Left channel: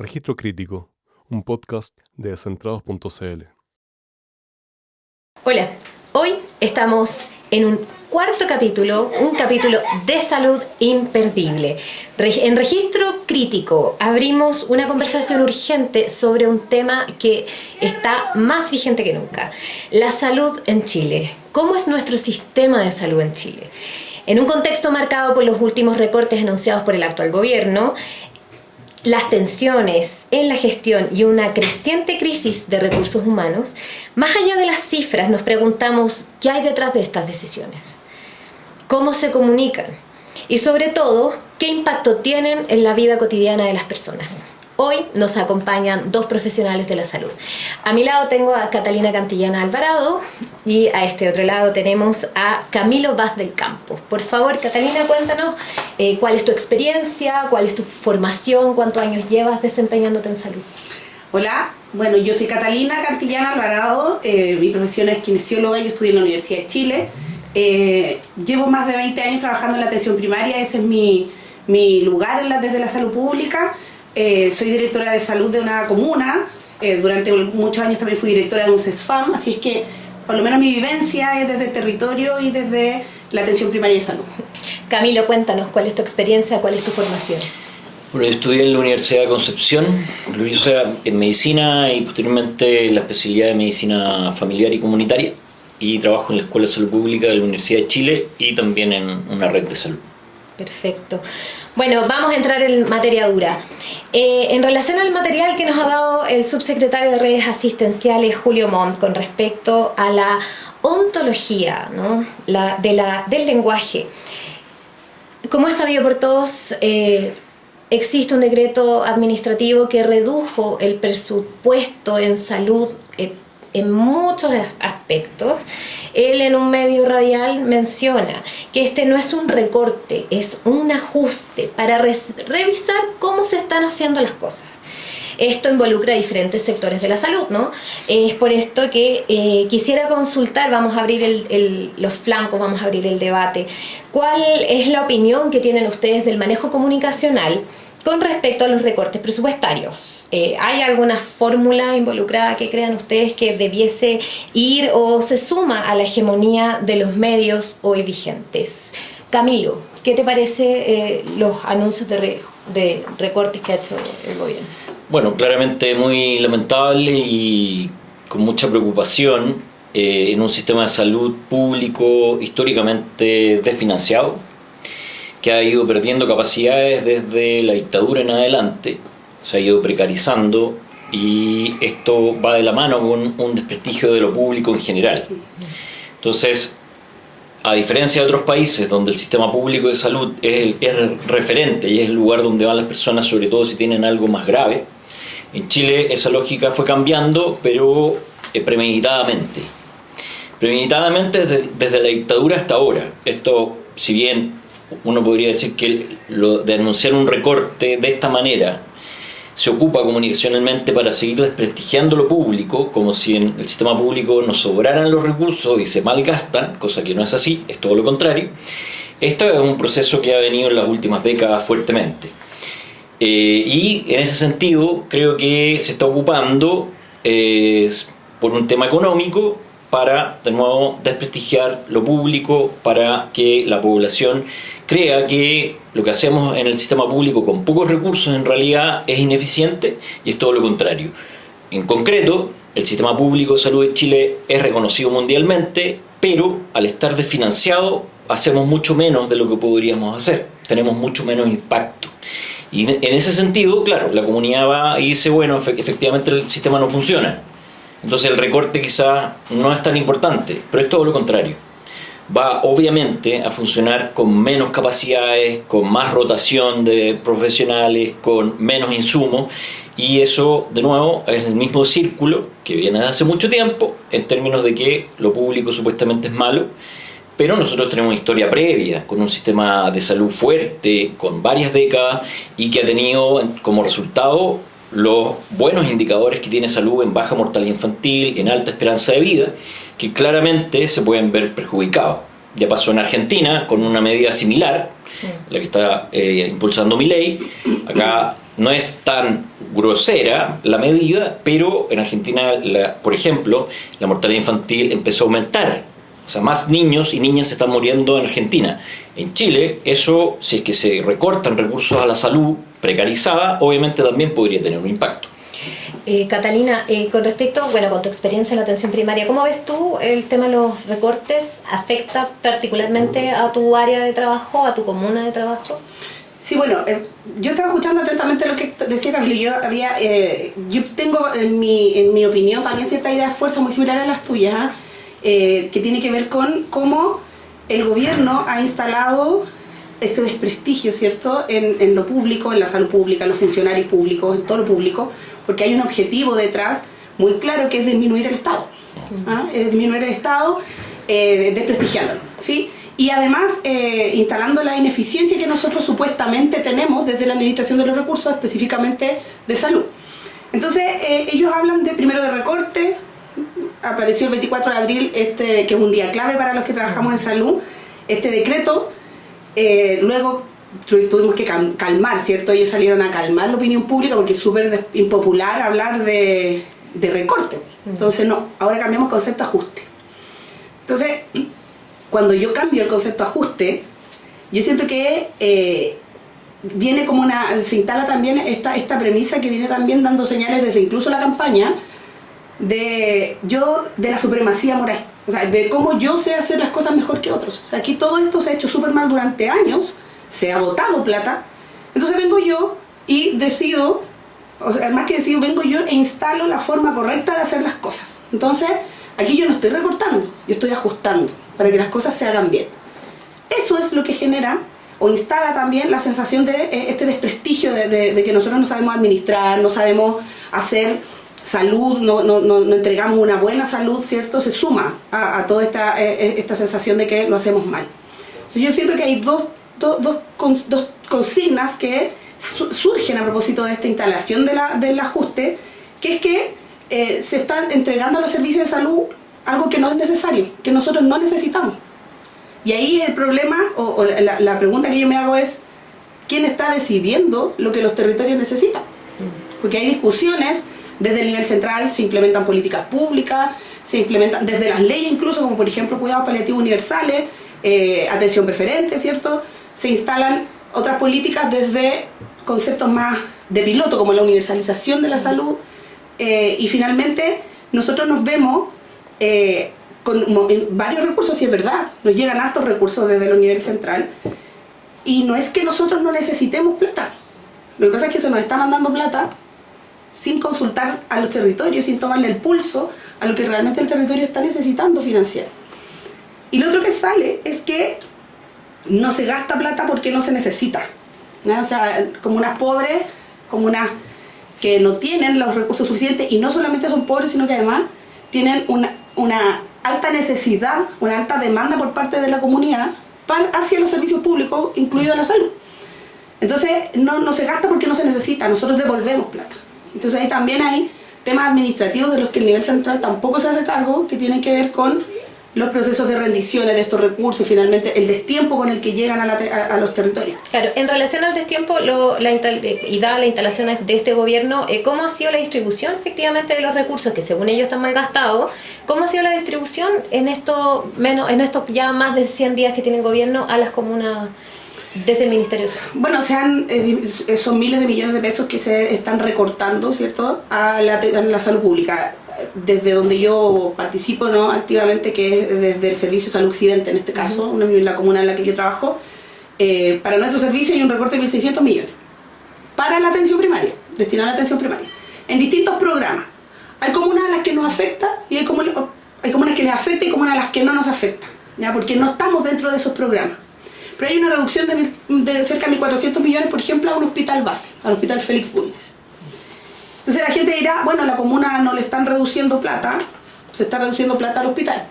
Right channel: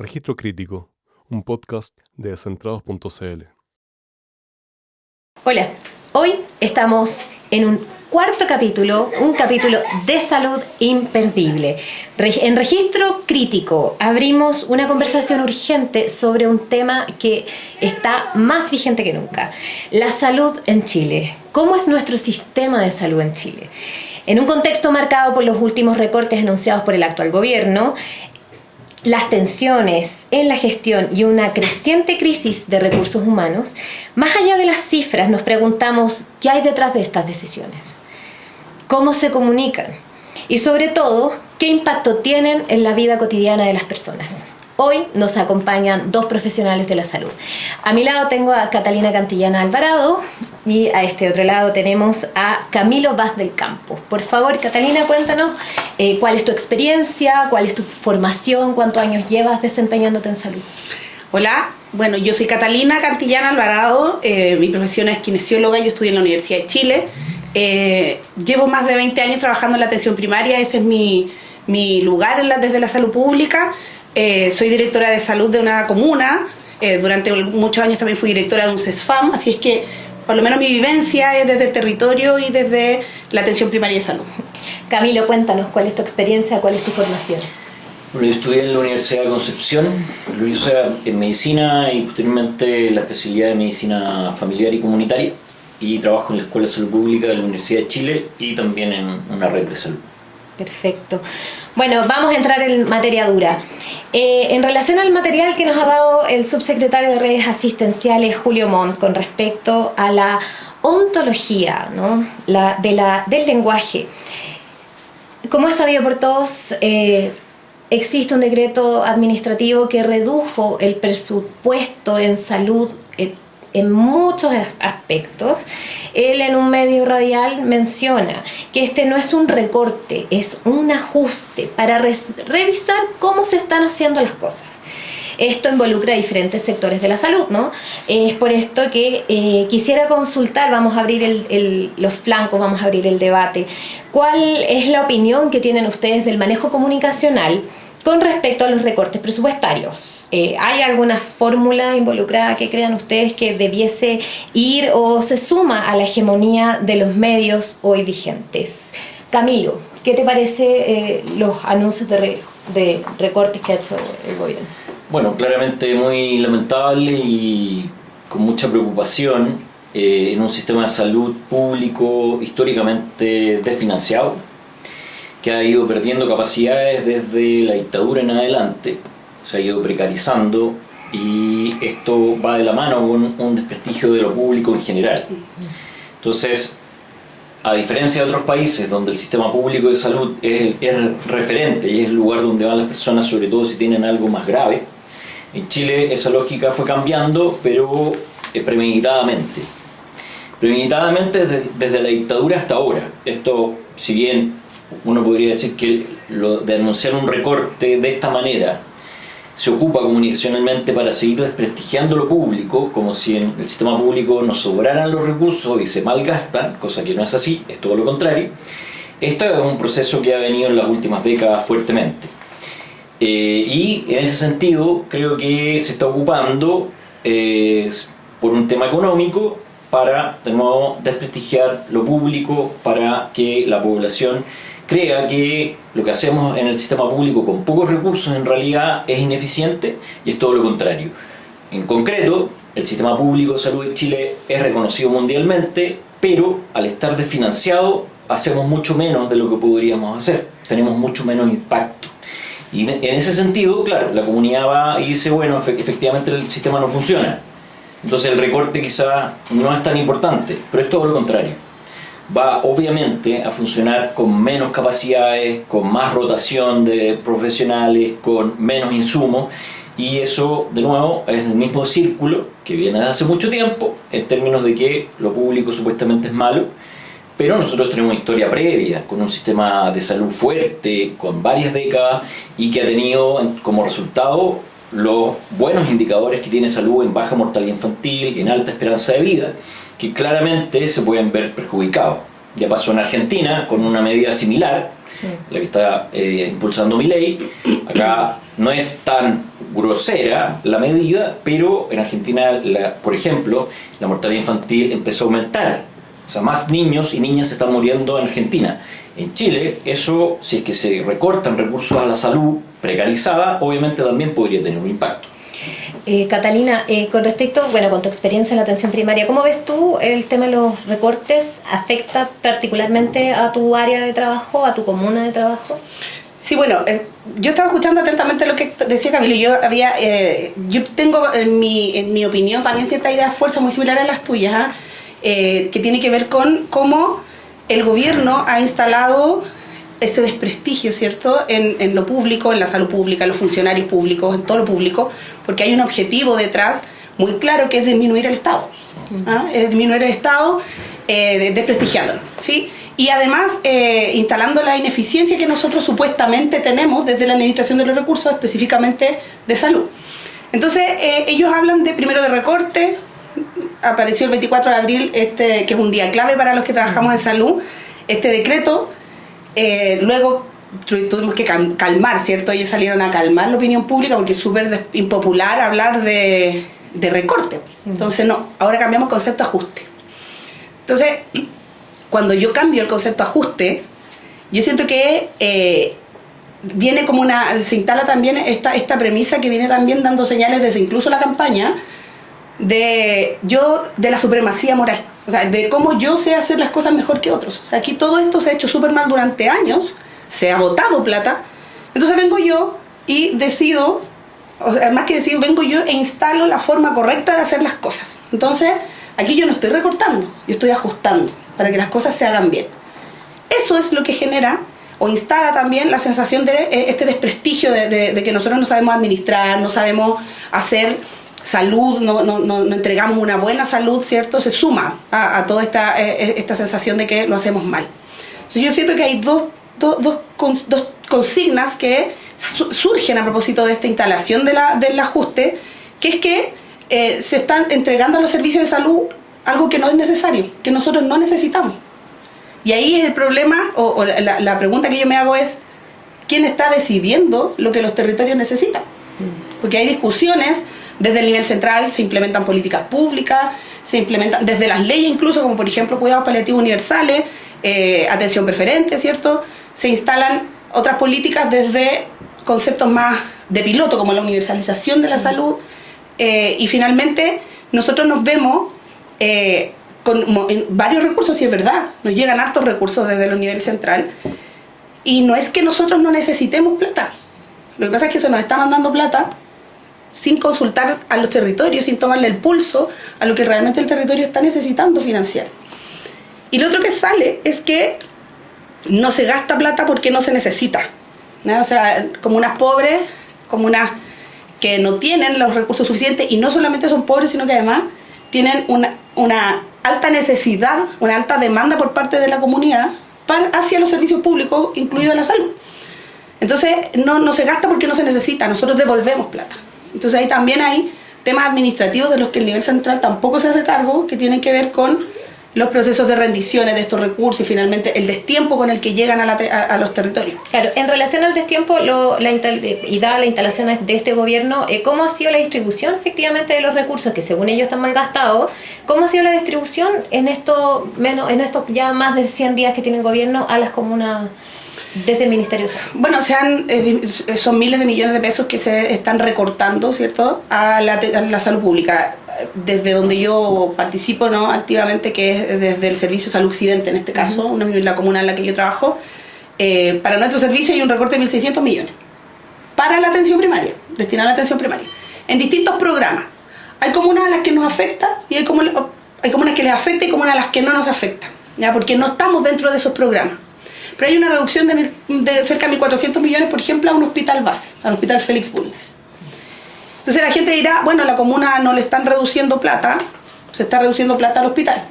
Registro Crítico, un podcast de Descentrados.cl. Hola, hoy estamos en un cuarto capítulo, un capítulo de salud imperdible. En Registro Crítico abrimos una conversación urgente sobre un tema que está más vigente que nunca: la salud en Chile. ¿Cómo es nuestro sistema de salud en Chile? En un contexto marcado por los últimos recortes anunciados por el actual gobierno, las tensiones en la gestión y una creciente crisis de recursos humanos, más allá de las cifras, nos preguntamos qué hay detrás de estas decisiones, cómo se comunican y, sobre todo, qué impacto tienen en la vida cotidiana de las personas. Hoy nos acompañan dos profesionales de la salud. A mi lado tengo a Catalina Cantillana Alvarado y a este otro lado tenemos a Camilo Vaz del Campo. Por favor, Catalina, cuéntanos cuál es tu experiencia, cuál es tu formación, cuántos años llevas desempeñándote en salud. Hola, bueno, yo soy Catalina Cantillana Alvarado, mi profesión es kinesióloga, yo estudié en la Universidad de Chile. Llevo más de 20 años trabajando en la atención primaria, ese es mi lugar desde la salud pública. Soy directora de salud de una comuna, durante muchos años también fui directora de un CESFAM, así es que por lo menos mi vivencia es desde el territorio y desde la atención primaria de salud. Camilo, cuéntanos cuál es tu experiencia, cuál es tu formación. Bueno, yo estudié en la Universidad de Concepción, lo hice en medicina y posteriormente la especialidad de medicina familiar y comunitaria, y trabajo en la Escuela de Salud Pública de la Universidad de Chile y también en una red de salud. Perfecto. Bueno, vamos a entrar en materia dura. En relación al material que nos ha dado el subsecretario de Redes Asistenciales, Julio Montt, con respecto a la ontología, ¿no? del lenguaje. Como es sabido por todos, existe un decreto administrativo que redujo el presupuesto en salud en muchos aspectos. Él en un medio radial menciona que este no es un recorte, es un ajuste para revisar cómo se están haciendo las cosas. Esto involucra a diferentes sectores de la salud, ¿no? Es por esto que quisiera consultar, vamos a abrir los flancos, vamos a abrir el debate. ¿Cuál es la opinión que tienen ustedes del manejo comunicacional con respecto a los recortes presupuestarios? ¿Hay alguna fórmula involucrada que crean ustedes que debiese ir o se suma a la hegemonía de los medios hoy vigentes? Camilo, ¿qué te parece los anuncios de recortes que ha hecho el gobierno? Bueno, claramente muy lamentable y con mucha preocupación en un sistema de salud público históricamente desfinanciado, que ha ido perdiendo capacidades desde la dictadura en adelante. Se ha ido precarizando y esto va de la mano con un desprestigio de lo público en general. Entonces, a diferencia de otros países donde el sistema público de salud es referente y es el lugar donde van las personas, sobre todo si tienen algo más grave, en Chile esa lógica fue cambiando, pero premeditadamente. Premeditadamente desde la dictadura hasta ahora. Esto, si bien uno podría decir que lo de anunciar un recorte de esta manera se ocupa comunicacionalmente para seguir desprestigiando lo público, como si en el sistema público nos sobraran los recursos y se malgastan, cosa que no es así, es todo lo contrario. Esto es un proceso que ha venido en las últimas décadas fuertemente. Y en ese sentido creo que se está ocupando por un tema económico para de nuevo desprestigiar lo público, para que la población crea que lo que hacemos en el sistema público con pocos recursos en realidad es ineficiente, y es todo lo contrario. En concreto, el sistema público de salud de Chile es reconocido mundialmente, pero al estar desfinanciado hacemos mucho menos de lo que podríamos hacer, tenemos mucho menos impacto. Y en ese sentido, claro, la comunidad va y dice, bueno, efectivamente el sistema no funciona, entonces el recorte quizás no es tan importante, pero es todo lo contrario. Va obviamente a funcionar con menos capacidades, con más rotación de profesionales, con menos insumos, y eso de nuevo es el mismo círculo que viene desde hace mucho tiempo, en términos de que lo público supuestamente es malo, pero nosotros tenemos una historia previa, con un sistema de salud fuerte, con varias décadas, y que ha tenido como resultado los buenos indicadores que tiene salud en baja mortalidad infantil, en alta esperanza de vida, que claramente se pueden ver perjudicados. Ya pasó en Argentina con una medida similar, la que está impulsando Milei. Acá no es tan grosera la medida, pero en Argentina, por ejemplo, la mortalidad infantil empezó a aumentar. O sea, más niños y niñas se están muriendo en Argentina. En Chile, eso, si es que se recortan recursos a la salud precarizada, obviamente también podría tener un impacto. Catalina, con respecto, con tu experiencia en la atención primaria, ¿cómo ves tú el tema de los recortes? ¿Afecta particularmente a tu área de trabajo, a tu comuna de trabajo? Sí, bueno, yo estaba escuchando atentamente lo que decía Camilo. Yo tengo en mi opinión también ciertas ideas de fuerza muy similares a las tuyas, que tiene que ver con cómo el gobierno ha instalado ese desprestigio, ¿cierto?, en lo público, en la salud pública, en los funcionarios públicos, en todo lo público, porque hay un objetivo detrás muy claro, que es disminuir el Estado. Es disminuir el Estado, desprestigiándolo, ¿sí? Y además instalando la ineficiencia que nosotros supuestamente tenemos desde la administración de los recursos, específicamente de salud. Entonces ellos hablan primero de recorte. Apareció el 24 de abril, que es un día clave para los que trabajamos en salud, este decreto. Luego tuvimos que calmar, ¿cierto? Ellos salieron a calmar la opinión pública porque es súper impopular hablar de recorte. Entonces no, ahora cambiamos el concepto ajuste. Entonces, cuando yo cambio el concepto ajuste, yo siento que viene como se instala también esta premisa que viene también dando señales desde incluso la campaña de la supremacía moral, o sea, de cómo yo sé hacer las cosas mejor que otros. O sea, aquí todo esto se ha hecho súper mal durante años, se ha botado plata, entonces vengo yo y decido, o sea, más que decido, vengo yo e instalo la forma correcta de hacer las cosas. Entonces, aquí yo no estoy recortando, yo estoy ajustando para que las cosas se hagan bien. Eso es lo que genera o instala también la sensación de este desprestigio de que nosotros no sabemos administrar, no sabemos hacer salud, no entregamos una buena salud, ¿cierto? Se suma a toda esta sensación de que lo hacemos mal. Entonces yo siento que hay dos consignas que surgen a propósito de esta instalación del ajuste, que es que se están entregando a los servicios de salud algo que no es necesario, que nosotros no necesitamos. Y ahí es el problema, o la pregunta que yo me hago es, ¿quién está decidiendo lo que los territorios necesitan? Porque hay discusiones. Desde el nivel central se implementan políticas públicas, se implementan desde las leyes incluso, como por ejemplo cuidados paliativos universales, atención preferente, ¿cierto? Se instalan otras políticas desde conceptos más de piloto, como la universalización de la salud, y finalmente nosotros nos vemos con varios recursos, y es verdad, nos llegan hartos recursos desde el nivel central, y no es que nosotros no necesitemos plata, lo que pasa es que se nos está mandando plata sin consultar a los territorios, sin tomarle el pulso a lo que realmente el territorio está necesitando financiar. Y lo otro que sale es que no se gasta plata porque no se necesita, ¿no? O sea, comunas pobres, comunas que no tienen los recursos suficientes, y no solamente son pobres, sino que además tienen una alta necesidad, una alta demanda por parte de la comunidad hacia los servicios públicos, incluida la salud. Entonces no se gasta porque no se necesita, nosotros devolvemos plata. Entonces ahí también hay temas administrativos de los que el nivel central tampoco se hace cargo, que tienen que ver con los procesos de rendiciones de estos recursos y finalmente el destiempo con el que llegan a los territorios. Claro, en relación al destiempo y dada la instalación de este gobierno, ¿cómo ha sido la distribución efectivamente de los recursos que según ellos están mal gastados? ¿Cómo ha sido la distribución en estos ya más de 100 días que tiene el gobierno a las comunas desde el Ministerio de Salud? Bueno, son miles de millones de pesos que se están recortando, ¿cierto?, a la salud pública. Desde donde yo participo, ¿no?, activamente, que es desde el Servicio de Salud Occidente, en este caso, la comuna en la que yo trabajo, para nuestro servicio hay un recorte de 1.600 millones para la atención primaria, destinado a la atención primaria, en distintos programas. Hay comunas a las que nos afecta y hay comunas que les afecta y comunas a las que no nos afecta, ¿ya?, porque no estamos dentro de esos programas. Pero hay una reducción de cerca de 1.400 millones, por ejemplo, a un hospital base, al Hospital Félix Bulnes. Entonces la gente dirá, bueno, a la comuna no le están reduciendo plata, se está reduciendo plata al hospital.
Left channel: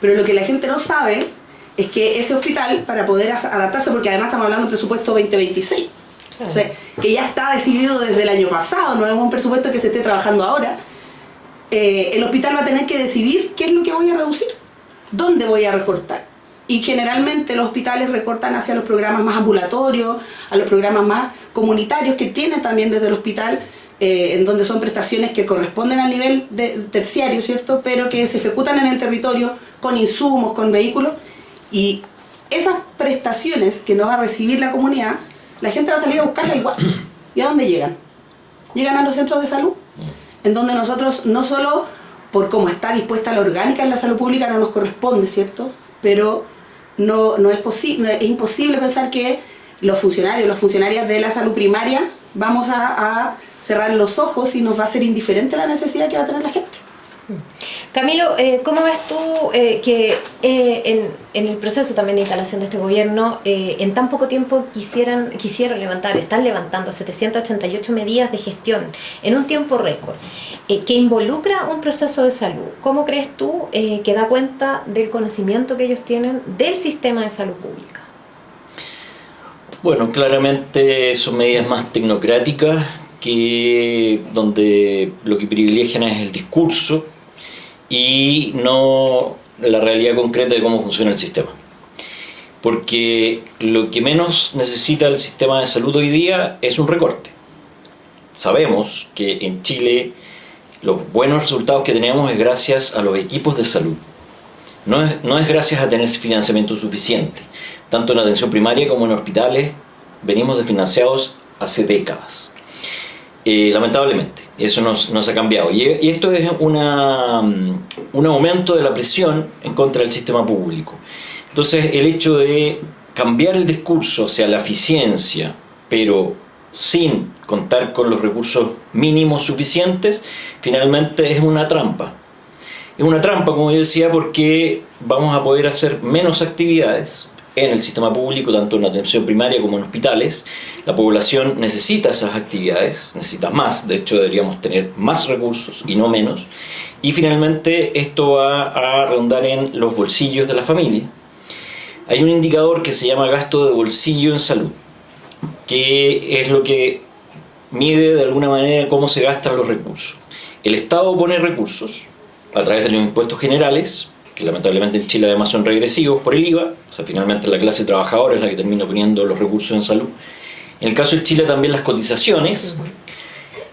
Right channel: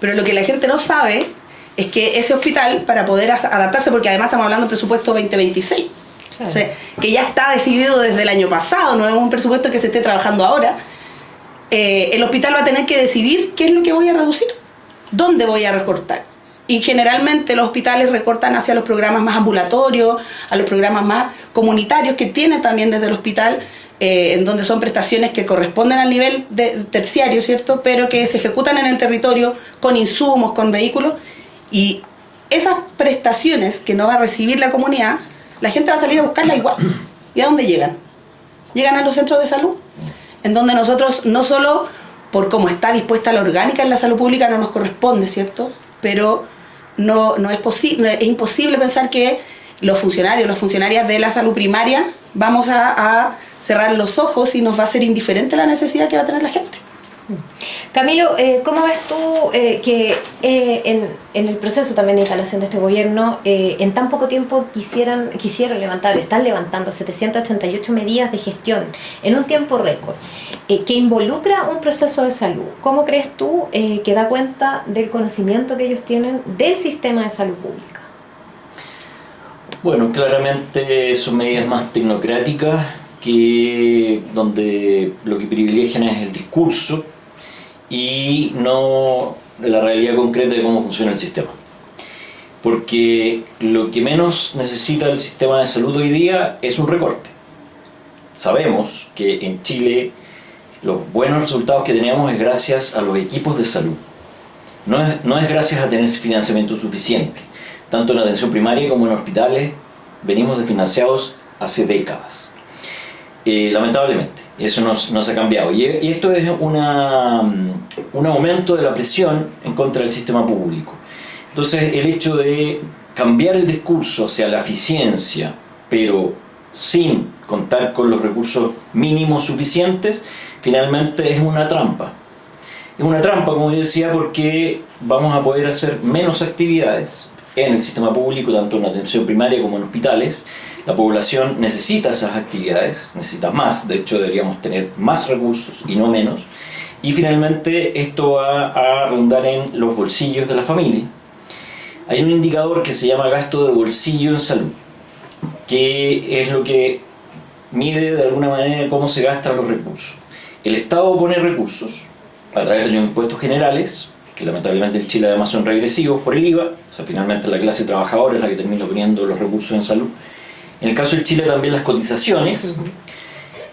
Pero lo que la gente no sabe es que ese hospital, para poder adaptarse, porque además estamos hablando de presupuesto 2026, claro, o sea, que ya está decidido desde el año pasado, no es un presupuesto que se esté trabajando ahora, el hospital va a tener que decidir qué es lo que voy a reducir, dónde voy a recortar. y generalmente los hospitales recortan hacia los programas más ambulatorios, a los programas más comunitarios que tienen también desde el hospital, en donde son prestaciones que corresponden al nivel terciario, ¿cierto? Pero que se ejecutan en el territorio con insumos, con vehículos, y esas prestaciones que no va a recibir la comunidad, la gente va a salir a buscarlas igual. ¿Y a dónde llegan? Llegan a los centros de salud, en donde nosotros, no solo por cómo está dispuesta la orgánica en la salud pública, no nos corresponde, ¿cierto? Pero no es posible, es imposible pensar que los funcionarios, las funcionarias de la salud primaria vamos a cerrar los ojos y nos va a ser indiferente la necesidad que va a tener la gente. Camilo, ¿cómo ves tú que en el proceso también de instalación de este gobierno, en tan poco tiempo están levantando 788 medidas de gestión en un tiempo récord, que involucra un proceso de salud? ¿Cómo crees tú que da cuenta del conocimiento que ellos tienen del sistema de salud pública? Bueno, claramente son medidas más tecnocráticas, que donde lo que privilegian es el discurso y no la realidad concreta de cómo funciona el sistema. Porque lo que menos necesita el sistema de salud hoy día es un recorte. Sabemos que en Chile los buenos resultados que tenemos es gracias a los equipos de salud. No es gracias a tener financiamiento suficiente. Tanto en la atención primaria como en hospitales venimos desfinanciados hace décadas. Lamentablemente, eso no se ha cambiado. Y esto es un aumento de la presión en contra del sistema público. Entonces, el hecho de cambiar el discurso hacia la eficiencia, pero sin contar con los recursos mínimos suficientes, finalmente es una trampa. Es una trampa, como yo decía, porque vamos a poder hacer menos actividades en el sistema público, tanto en la atención primaria como en hospitales. La población necesita esas actividades, necesita más, de hecho deberíamos tener más recursos y no menos. Y finalmente esto va a redundar en los bolsillos de la familia. Hay un indicador que se llama gasto de bolsillo en salud, que es lo que mide de alguna manera cómo se gastan los recursos. El Estado pone recursos a través de los impuestos generales, que lamentablemente en Chile además son regresivos por el IVA, o sea, finalmente la clase trabajadora es la que termina poniendo los recursos en salud. En el caso de Chile también las cotizaciones.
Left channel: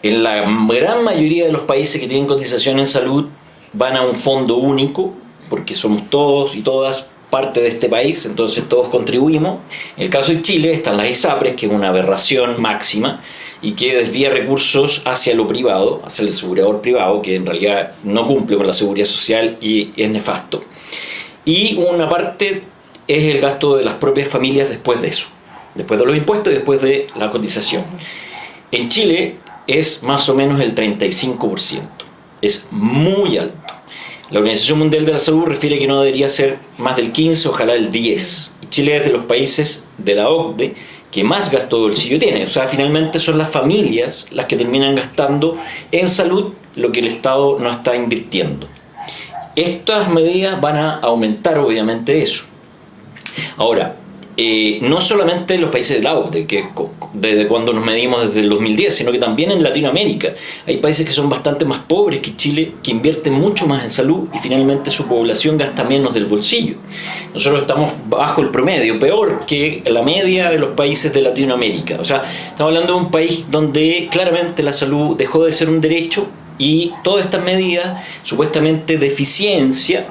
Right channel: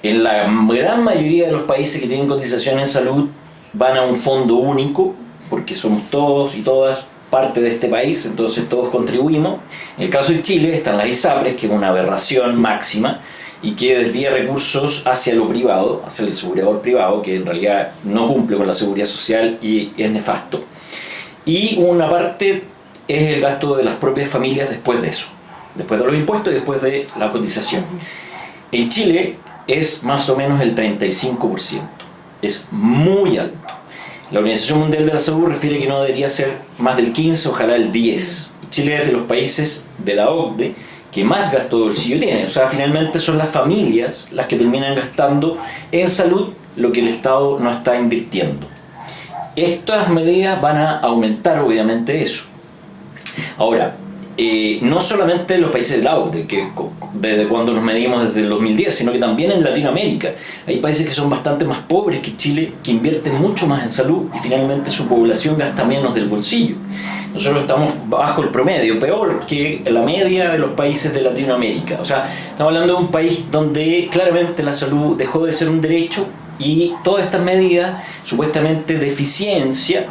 En la gran mayoría de los países que tienen cotizaciones en salud van a un fondo único, porque somos todos y todas parte de este país, entonces todos contribuimos. En el caso de Chile están las ISAPRES, que es una aberración máxima y que desvía recursos hacia lo privado, hacia el asegurador privado, que en realidad no cumple con la seguridad social y es nefasto. Y una parte es el gasto de las propias familias después de eso, después de los impuestos y después de la cotización. En Chile es más o menos el 35%, es muy alto. La Organización Mundial de la Salud refiere que no debería ser más del 15, ojalá el 10. Y Chile es de los países de la OCDE que más gasto de bolsillo tiene. O sea, finalmente son las familias las que terminan gastando en salud lo que el Estado no está invirtiendo. Estas medidas van a aumentar obviamente eso. Ahora, no solamente en los países de la OCDE, que desde cuando nos medimos desde el 2010, sino que también en Latinoamérica. Hay países que son bastante más pobres que Chile, que invierten mucho más en salud y finalmente su población gasta menos del bolsillo. Nosotros estamos bajo el promedio, peor que la media de los países de Latinoamérica. O sea, estamos hablando de un país donde claramente la salud dejó de ser un derecho y todas estas medidas supuestamente de eficiencia,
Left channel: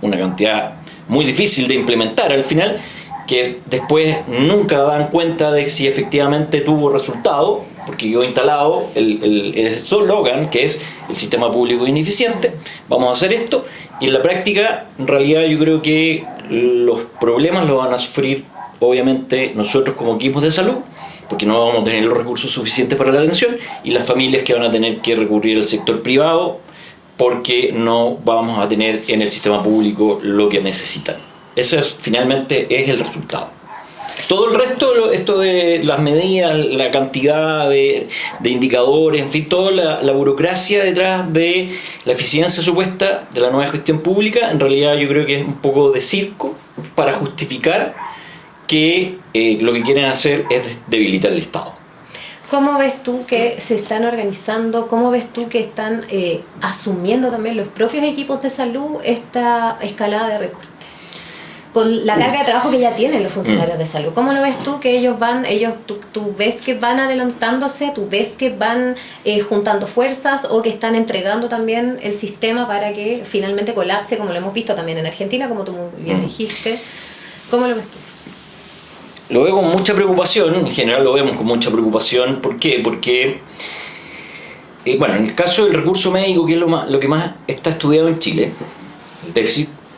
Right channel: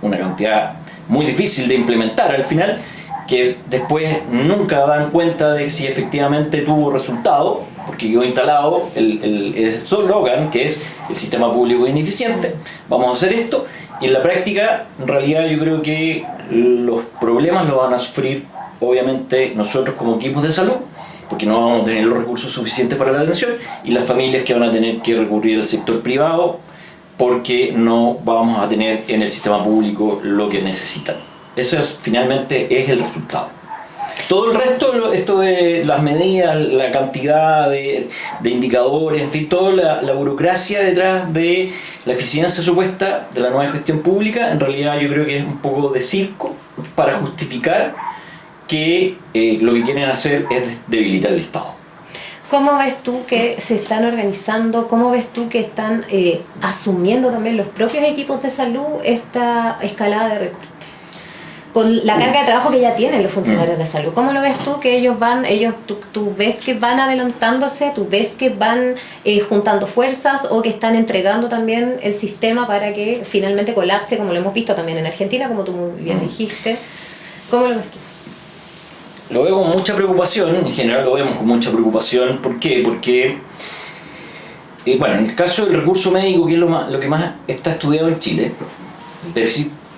una cantidad muy difícil de implementar al final, que después nunca dan cuenta de si efectivamente tuvo resultado, porque quedó instalado el eslogan que es el sistema público ineficiente, vamos a hacer esto, y en la práctica en realidad yo creo que los problemas los van a sufrir obviamente nosotros como equipos de salud, porque no vamos a tener los recursos suficientes para la atención, y las familias que van a tener que recurrir al sector privado porque no vamos a tener en el sistema público lo que necesitan. Eso finalmente es el resultado. Todo el resto, esto de las medidas, la cantidad de indicadores, en fin, toda la burocracia detrás de la eficiencia supuesta de la nueva gestión pública, en realidad yo creo que es un poco de circo para justificar que lo que quieren hacer es debilitar el Estado. ¿Cómo ves tú que se están organizando? ¿Cómo ves tú que están asumiendo también los propios equipos de salud esta escalada de recortes? con la carga de trabajo que ya tienen los funcionarios de salud. ¿Cómo lo ves tú? Que ellos van, tú ves que van adelantándose, tú ves que van juntando fuerzas o que están entregando también el sistema para que finalmente colapse, como lo hemos visto también en Argentina, como tú muy bien dijiste. ¿Cómo lo ves tú? Lo veo con mucha preocupación, en general lo vemos con mucha preocupación. ¿Por qué? Porque, bueno, en el caso del recurso médico, que es lo que más está estudiado en Chile,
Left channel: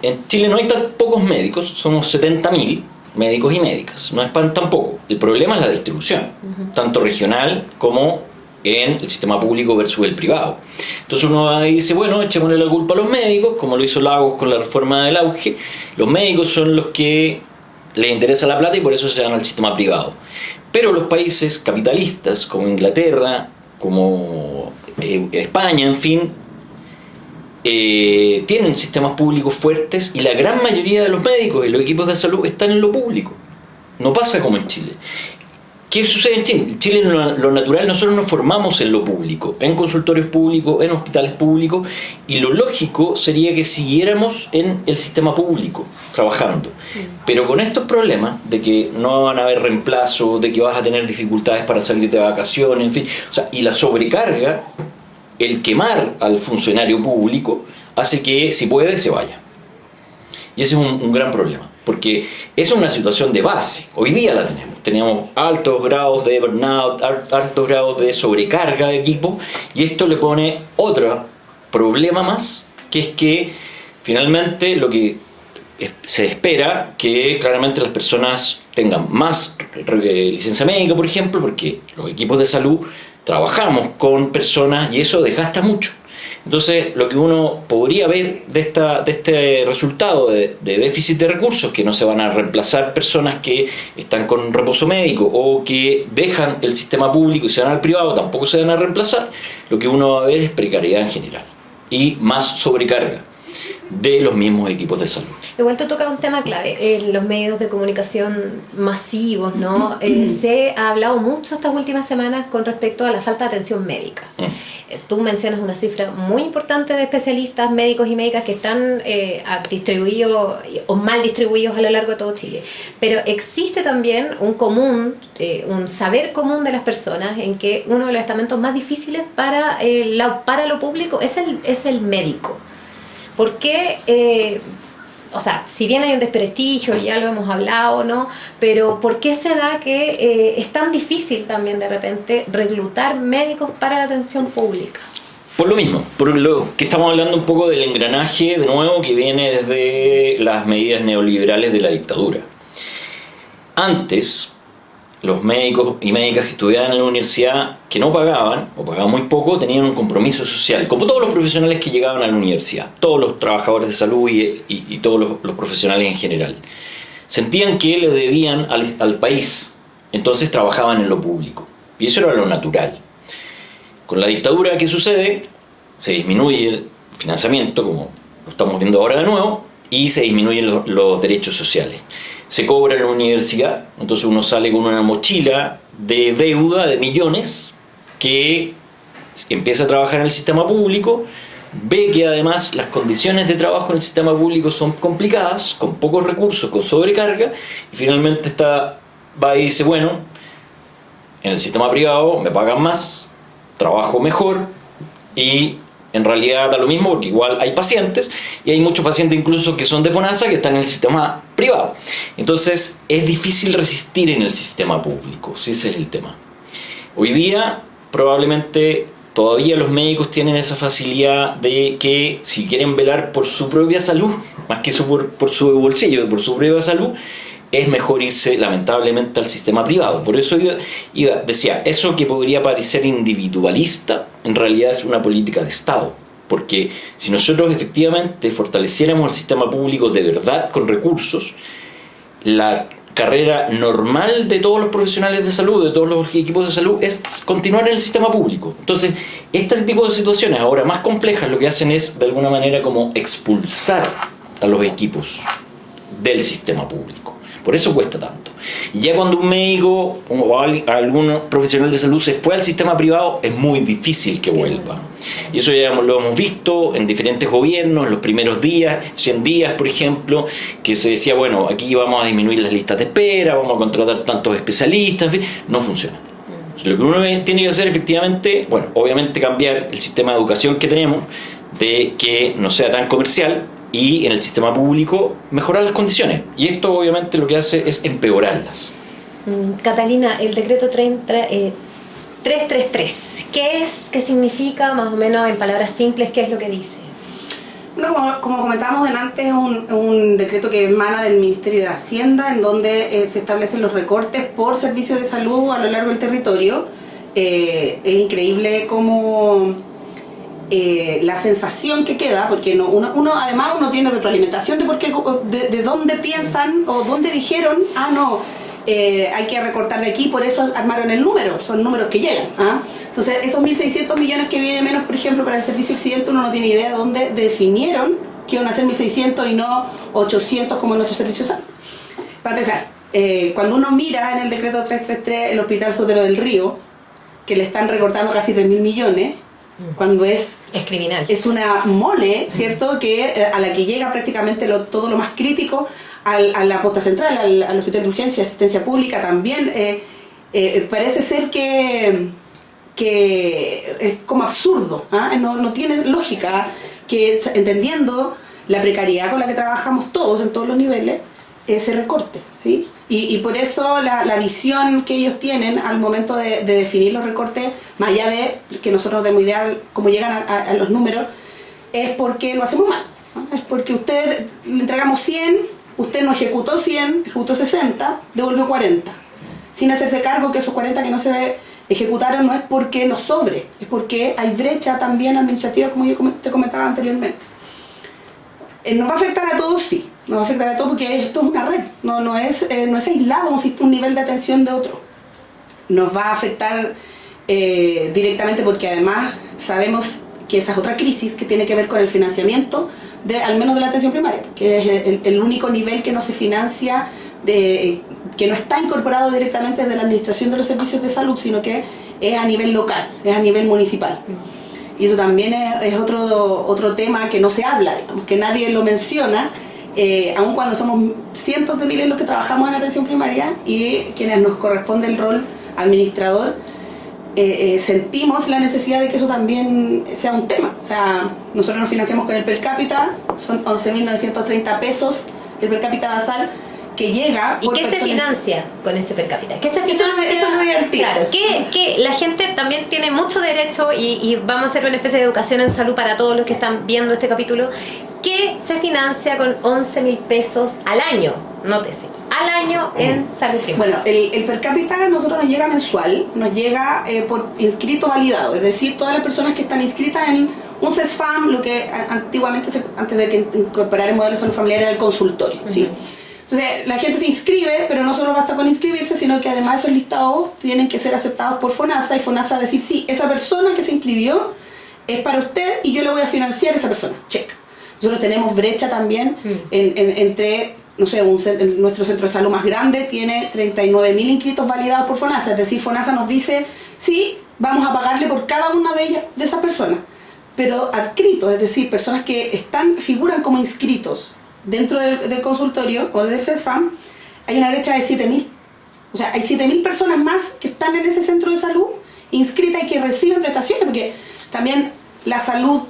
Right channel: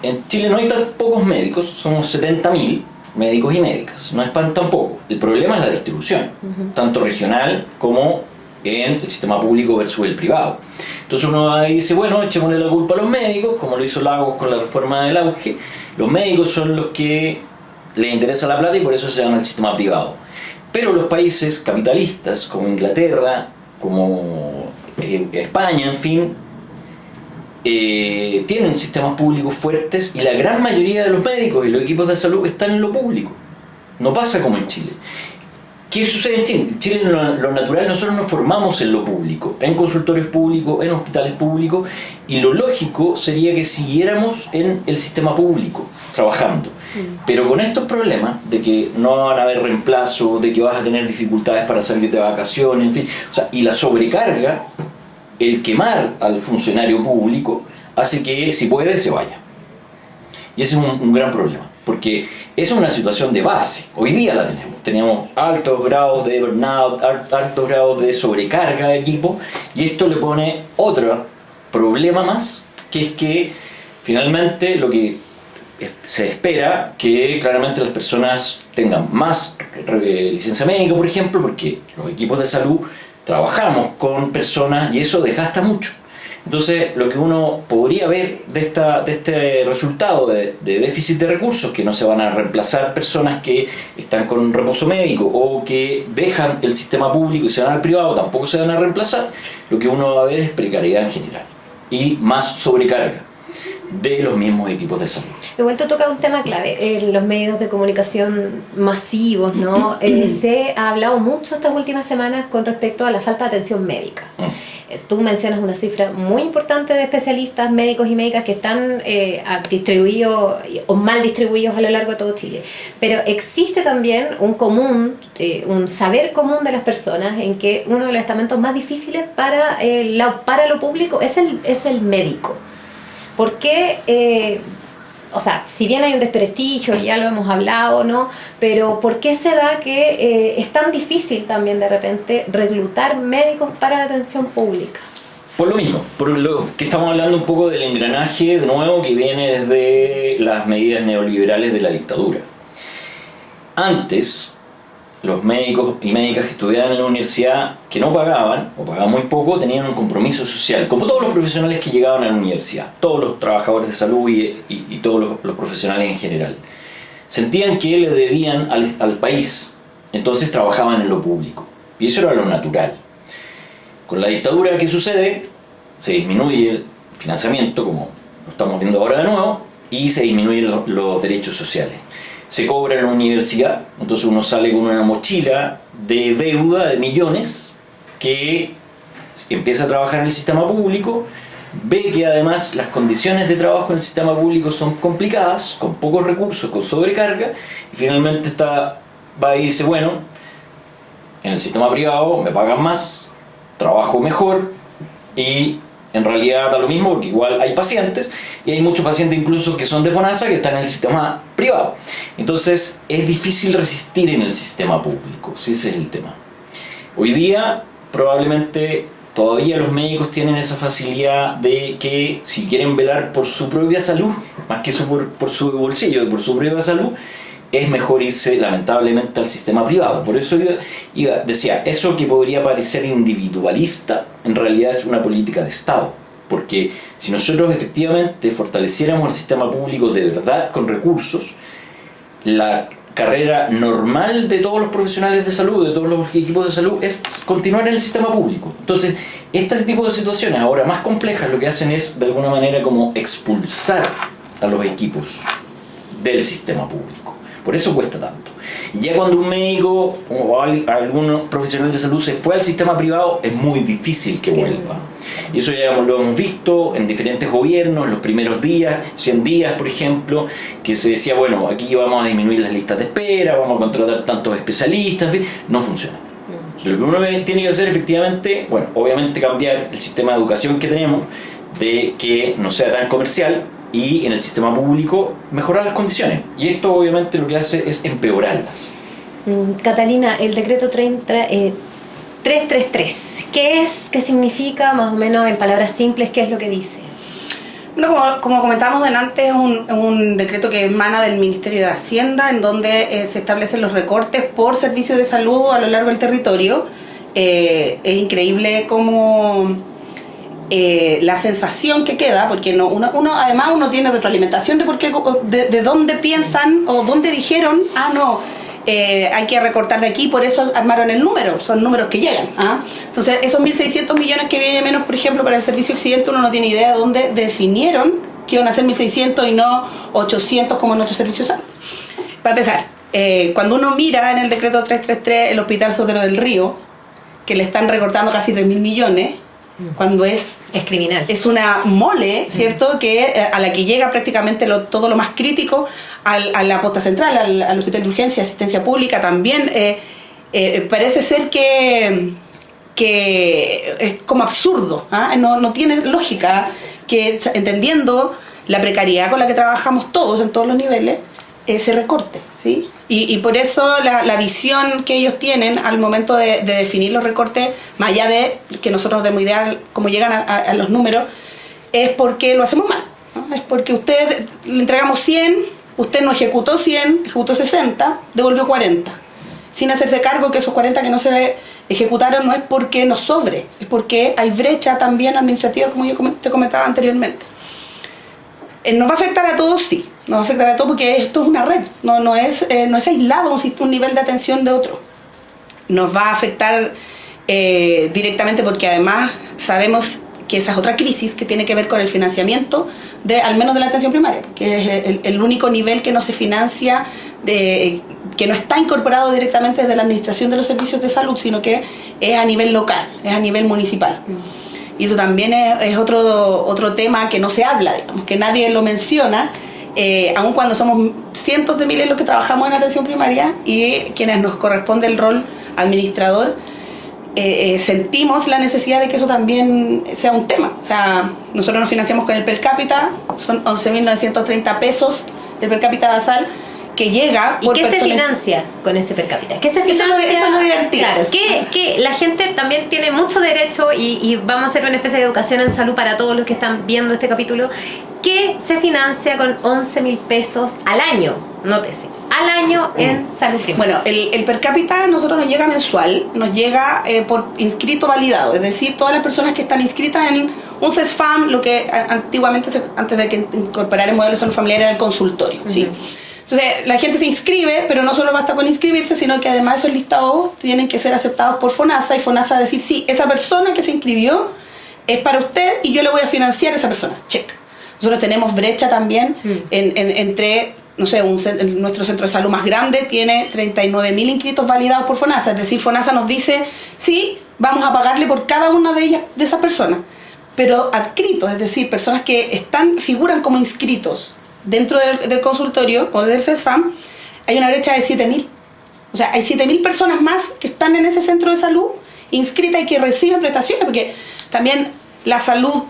en Chile no hay tan pocos médicos, somos 70.000 médicos y médicas, no es tan poco. El problema es la distribución, tanto regional como en el sistema público versus el privado. Entonces uno dice, bueno, echémosle la culpa a los médicos, como lo hizo Lagos con la reforma del auge. Los médicos son los que les interesa la plata y por eso se van al sistema privado. Pero los países capitalistas, como Inglaterra, como España, en fin, tienen sistemas públicos fuertes y la gran mayoría de los médicos y los equipos de salud están en lo público. No pasa como en Chile. ¿Qué sucede en Chile? En Chile lo natural, nosotros nos formamos en lo público, en consultorios públicos, en hospitales públicos, y lo lógico sería que siguiéramos en el sistema público, trabajando. Pero con estos problemas de que no van a haber reemplazo, de que vas a tener dificultades para salirte de vacaciones, en fin, o sea, y la sobrecarga, el quemar al funcionario público hace que, si puede, se vaya. Y ese es un gran problema, porque esa es una situación de base. Hoy día la tenemos. Tenemos altos grados de burnout, altos grados de sobrecarga de equipo, y esto le pone otro problema más, que es que finalmente lo que se espera que claramente las personas tengan más licencia médica, por ejemplo, porque los equipos de salud trabajamos con personas y eso desgasta mucho. Entonces, lo que uno podría ver de este resultado de déficit de recursos, que no se van a reemplazar personas que están con reposo médico o que dejan el sistema público y se van al privado, tampoco se van a reemplazar, lo que uno va a ver es precariedad en general y más sobrecarga de los mismos equipos de salud. Igual te toca un tema clave, los medios de comunicación masivos, ¿no? Se ha hablado mucho estas últimas semanas con respecto a la falta de atención médica. Tú mencionas una cifra muy importante de especialistas, médicos y médicas que están distribuidos o mal distribuidos a lo largo de todo Chile. Pero existe también un saber común de las personas en que uno de los estamentos más difíciles para lo público es el médico. ¿Por qué? O sea, si bien hay un desprestigio, ya lo hemos hablado, ¿no? Pero ¿por qué se da que es tan difícil también de repente reclutar médicos para la atención pública? Por lo mismo, por lo que estamos hablando un poco del engranaje de nuevo que viene desde las medidas neoliberales de la dictadura. Antes, los médicos y médicas que estudiaban en la universidad, que no pagaban, o pagaban muy poco, tenían un compromiso social, como todos los profesionales que llegaban a la universidad, todos los trabajadores de salud y todos los profesionales en general. Sentían que le debían al país, entonces trabajaban en lo público, y eso era lo natural. Con la dictadura, ¿qué sucede? Se disminuye el financiamiento, como lo estamos viendo ahora de nuevo, y se disminuyen los derechos sociales. Se cobra en la universidad, entonces uno sale con una mochila de deuda de millones, que empieza a trabajar en el sistema público, ve que además las condiciones de trabajo en el sistema público son complicadas, con pocos recursos, con sobrecarga, y finalmente va y dice, bueno, en el sistema privado me pagan más, trabajo mejor, y en realidad da lo mismo porque igual hay pacientes y hay muchos pacientes incluso que son de FONASA que están en el sistema privado. Entonces es difícil resistir en el sistema público, si ese es el tema. Hoy día probablemente todavía los médicos tienen esa facilidad de que si quieren velar por su propia salud, más que eso por su bolsillo, por su propia salud, es mejor irse lamentablemente al sistema privado. Por eso decía, eso que podría parecer individualista, en realidad es una política de Estado. Porque si nosotros efectivamente fortaleciéramos el sistema público de verdad con recursos, la carrera normal de todos los profesionales de salud, de todos los equipos de salud, es continuar en el sistema público. Entonces, este tipo de situaciones ahora más complejas lo que hacen es de alguna manera como expulsar a los equipos del sistema público. Por eso cuesta tanto. Y ya cuando un médico o algún profesional de salud se fue al sistema privado, es muy difícil que vuelva. Y eso ya lo hemos visto en diferentes gobiernos, en los primeros días, 100 días por ejemplo, que se decía, bueno, aquí vamos a disminuir las listas de espera, vamos a contratar tantos especialistas, en fin, no funciona. Lo que uno tiene que hacer efectivamente, bueno, obviamente cambiar el sistema de educación que tenemos, de que no sea tan comercial, y en el sistema público mejorar las condiciones. Y esto obviamente lo que hace es empeorarlas. Catalina, el decreto 333, ¿qué es? ¿Qué significa? Más o menos en palabras simples, ¿qué es lo que dice? Bueno, como comentábamos delante, es un decreto que emana del Ministerio de Hacienda, en donde se establecen los recortes por servicios de salud a lo largo del territorio. Es increíble cómo la sensación que queda, porque además uno tiene retroalimentación de dónde piensan o dónde dijeron, hay que recortar de aquí, por eso armaron el número, son números que llegan. Entonces, esos 1.600 millones que vienen menos, por ejemplo, para el servicio occidente, uno no tiene idea de dónde definieron que iban a ser 1.600 y no 800 como en nuestros servicios. Para empezar, cuando uno mira en el decreto 333 el Hospital Sotero del Río, que le están recortando casi 3.000 millones, cuando es criminal. Es una mole, ¿cierto? Que a la que llega prácticamente todo lo más crítico, a la posta central, al hospital de urgencia, asistencia pública también. Parece ser que es como absurdo, no tiene lógica que, entendiendo la precariedad con la que trabajamos todos en todos los niveles, se recorte, ¿sí? Y por eso la visión que ellos tienen al momento de definir los recortes, más allá de que nosotros tenemos idea cómo llegan a los números, es porque lo hacemos mal, ¿no? Es porque usted le entregamos 100, usted no ejecutó 100, ejecutó 60, devolvió 40, sin hacerse cargo que esos 40 que no se ejecutaron no es porque nos sobre, es porque hay brecha también administrativa, como yo te comentaba anteriormente. ¿Nos va a afectar a todos? Sí, nos va a afectar a todos porque esto es una red, no es aislado un nivel de atención de otro. Nos va a afectar directamente porque además sabemos que esa es otra crisis que tiene que ver con el financiamiento al menos de la atención primaria, que es el único nivel que no se financia, que no está incorporado directamente desde la administración de los servicios de salud, sino que es a nivel local, es a nivel municipal. Y eso también es otro tema que no se habla, digamos, que nadie lo menciona, aun cuando somos cientos de miles los que trabajamos en atención primaria y quienes nos corresponde el rol administrador, sentimos la necesidad de que eso también sea un tema. O sea, nosotros nos financiamos con el per cápita, son 11.930 pesos el per cápita basal, que llega por ¿y qué se financia con ese per cápita? ¿Qué se financia? Eso es lo divertido. Claro, que la gente también tiene mucho derecho y vamos a hacer una especie de educación en salud para todos los que están viendo este capítulo. ¿Qué se financia con 11.000 pesos al año? Nótese, al año en salud primaria. Bueno, el per cápita a nosotros nos llega mensual, nos llega por inscrito validado, es decir, todas las personas que están inscritas en un CESFAM, lo que antiguamente, antes de que incorporar el modelo de salud familiar, era el consultorio, ¿sí? Entonces, la gente se inscribe, pero no solo basta con inscribirse, sino que además esos listados tienen que ser aceptados por FONASA, y FONASA decir, sí, esa persona que se inscribió es para usted y yo le voy a financiar a esa persona. Check. Nosotros tenemos brecha también entre, no sé, nuestro centro de salud más grande tiene 39.000 inscritos validados por FONASA, es decir, FONASA nos dice, sí, vamos a pagarle por cada una de ellas, de esas personas, pero adscritos, es decir, personas que figuran como inscritos dentro del consultorio o del CESFAM, hay una brecha de 7.000. O sea, hay 7.000 personas más que están en ese centro de salud inscritas y que reciben prestaciones, porque también la salud,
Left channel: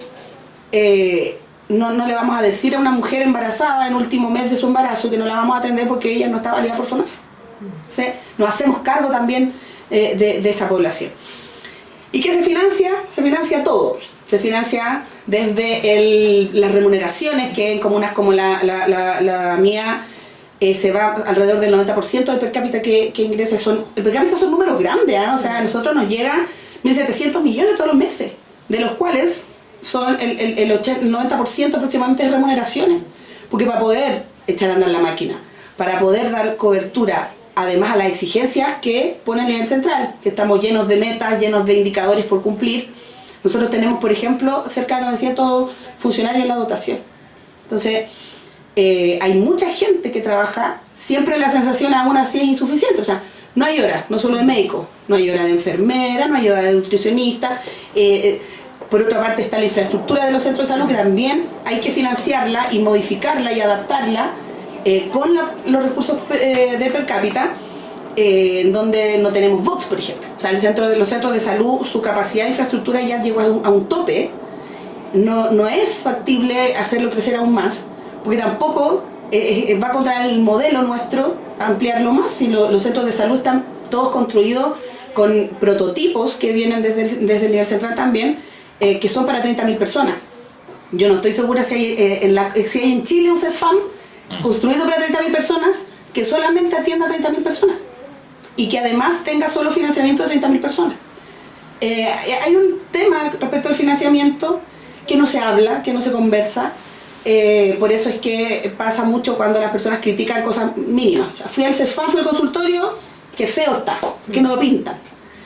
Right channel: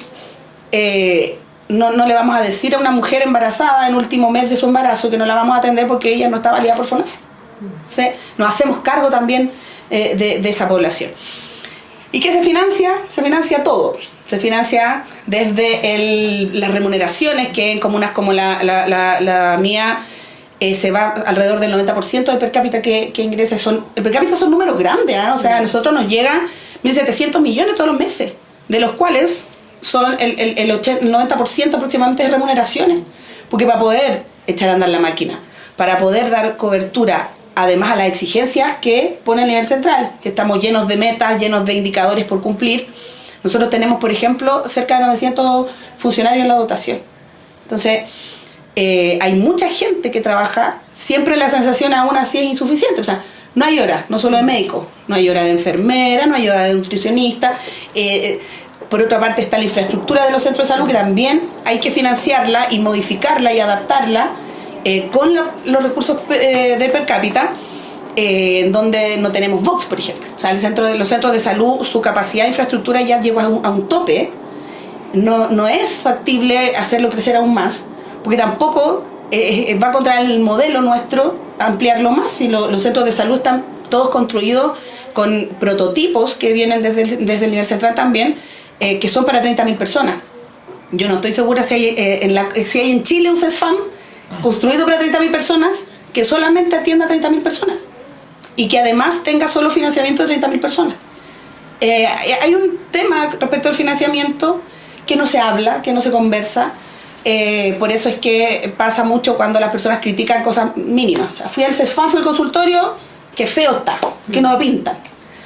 no le vamos a decir a una mujer embarazada en el último mes de su embarazo que no la vamos a atender porque ella no está validada por FONASA. Entonces, nos hacemos cargo también de esa población. ¿Y qué se financia? Se financia todo. Se financia desde las remuneraciones, que en comunas como la mía se va alrededor del 90% del per cápita que ingresa. El per cápita son números grandes, o sea, a nosotros nos llegan 1.700 millones todos los meses, de los cuales son el 90% aproximadamente de remuneraciones, porque para poder echar a andar la máquina, para poder dar cobertura además a las exigencias que pone el nivel central, que estamos llenos de metas, llenos de indicadores por cumplir. Nosotros tenemos, por ejemplo, cerca de 900 funcionarios en la dotación. Entonces, hay mucha gente que trabaja, siempre la sensación aún así es insuficiente. O sea, no hay hora, no solo de médico, no hay hora de enfermera, no hay hora de nutricionista. Por otra parte está la infraestructura de los centros de salud, que también hay que financiarla y modificarla y adaptarla con los recursos de per cápita, donde no tenemos Vox, por ejemplo. O sea, los centros de salud, su capacidad de infraestructura ya llegó a un tope. No es factible hacerlo crecer aún más, porque tampoco va contra el modelo nuestro ampliarlo más. Si los centros de salud están todos construidos con prototipos que vienen desde el nivel central también, que son para 30.000 personas. Yo no estoy segura si hay en Chile un CESFAM construido para 30.000 personas que solamente atienda a 30.000 personas y que además tenga solo financiamiento de 30.000 personas. Hay un tema respecto al financiamiento que no se habla, que no se conversa. Por eso es que pasa mucho cuando las personas critican cosas mínimas. O sea, fui al CESFAM, fui al consultorio, que feo está, que no lo pintan.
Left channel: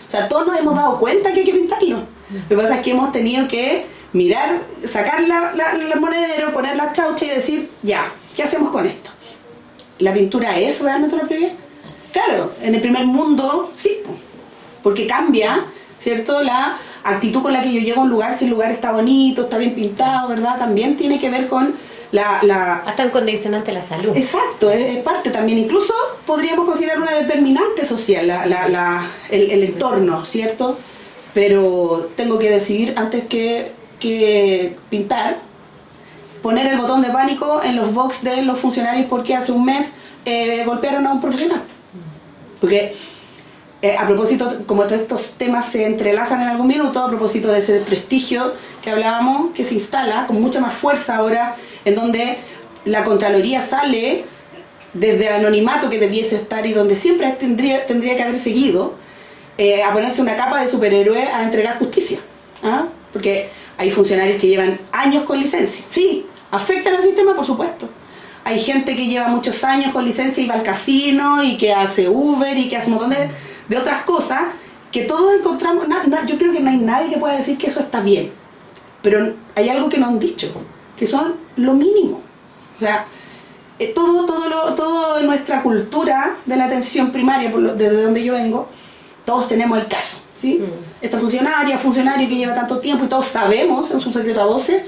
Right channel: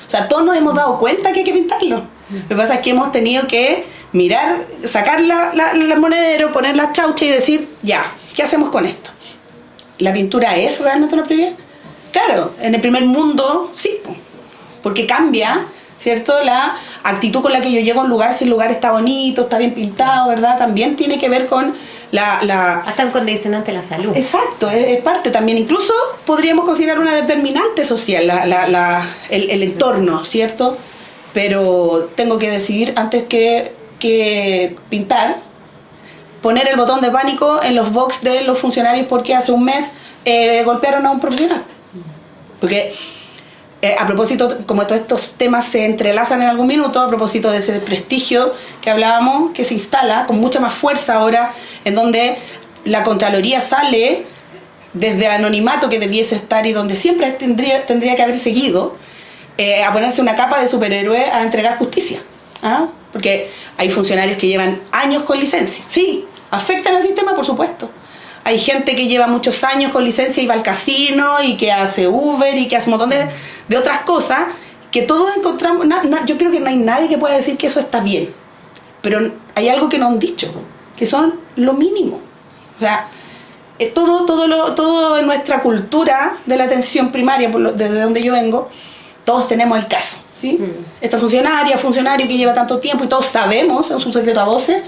O sea, todos nos hemos dado cuenta que hay que pintarlo. Lo que pasa es que hemos tenido que mirar, sacar el monedero, poner la chaucha y decir, ya, ¿qué hacemos con esto? ¿La pintura es realmente una prioridad? Claro, en el primer mundo sí, porque cambia, ¿cierto? La actitud con la que yo llego a un lugar, si el lugar está bonito, está bien pintado, ¿verdad? También tiene que ver con hasta un condicionante la salud. Exacto, es parte también. Incluso podríamos considerar una determinante social, el entorno, ¿cierto? Pero tengo que decidir antes que pintar, poner el botón de pánico en los box de los funcionarios porque hace un mes golpearon a un profesional. Porque a propósito, como todos estos temas se entrelazan en algún minuto, a propósito de ese prestigio que hablábamos, que se instala con mucha más fuerza ahora, en donde la Contraloría sale desde anonimato que debiese estar y donde siempre tendría que haber seguido, a ponerse una capa de superhéroe a entregar justicia. ¿Ah? Porque hay funcionarios que llevan años con licencia. Sí, afectan al sistema, por supuesto. Hay gente que lleva muchos años con licencia y va al casino y que hace Uber y que hace un montón de otras cosas que todos encontramos. Yo creo que no hay nadie que pueda decir que eso está bien. Pero hay algo que nos han dicho, que son lo mínimo. O sea, todo en nuestra cultura de la atención primaria, desde donde yo vengo, todos tenemos el caso, ¿sí? Esta funcionario que lleva tanto tiempo y todos sabemos, en su secreto a voces,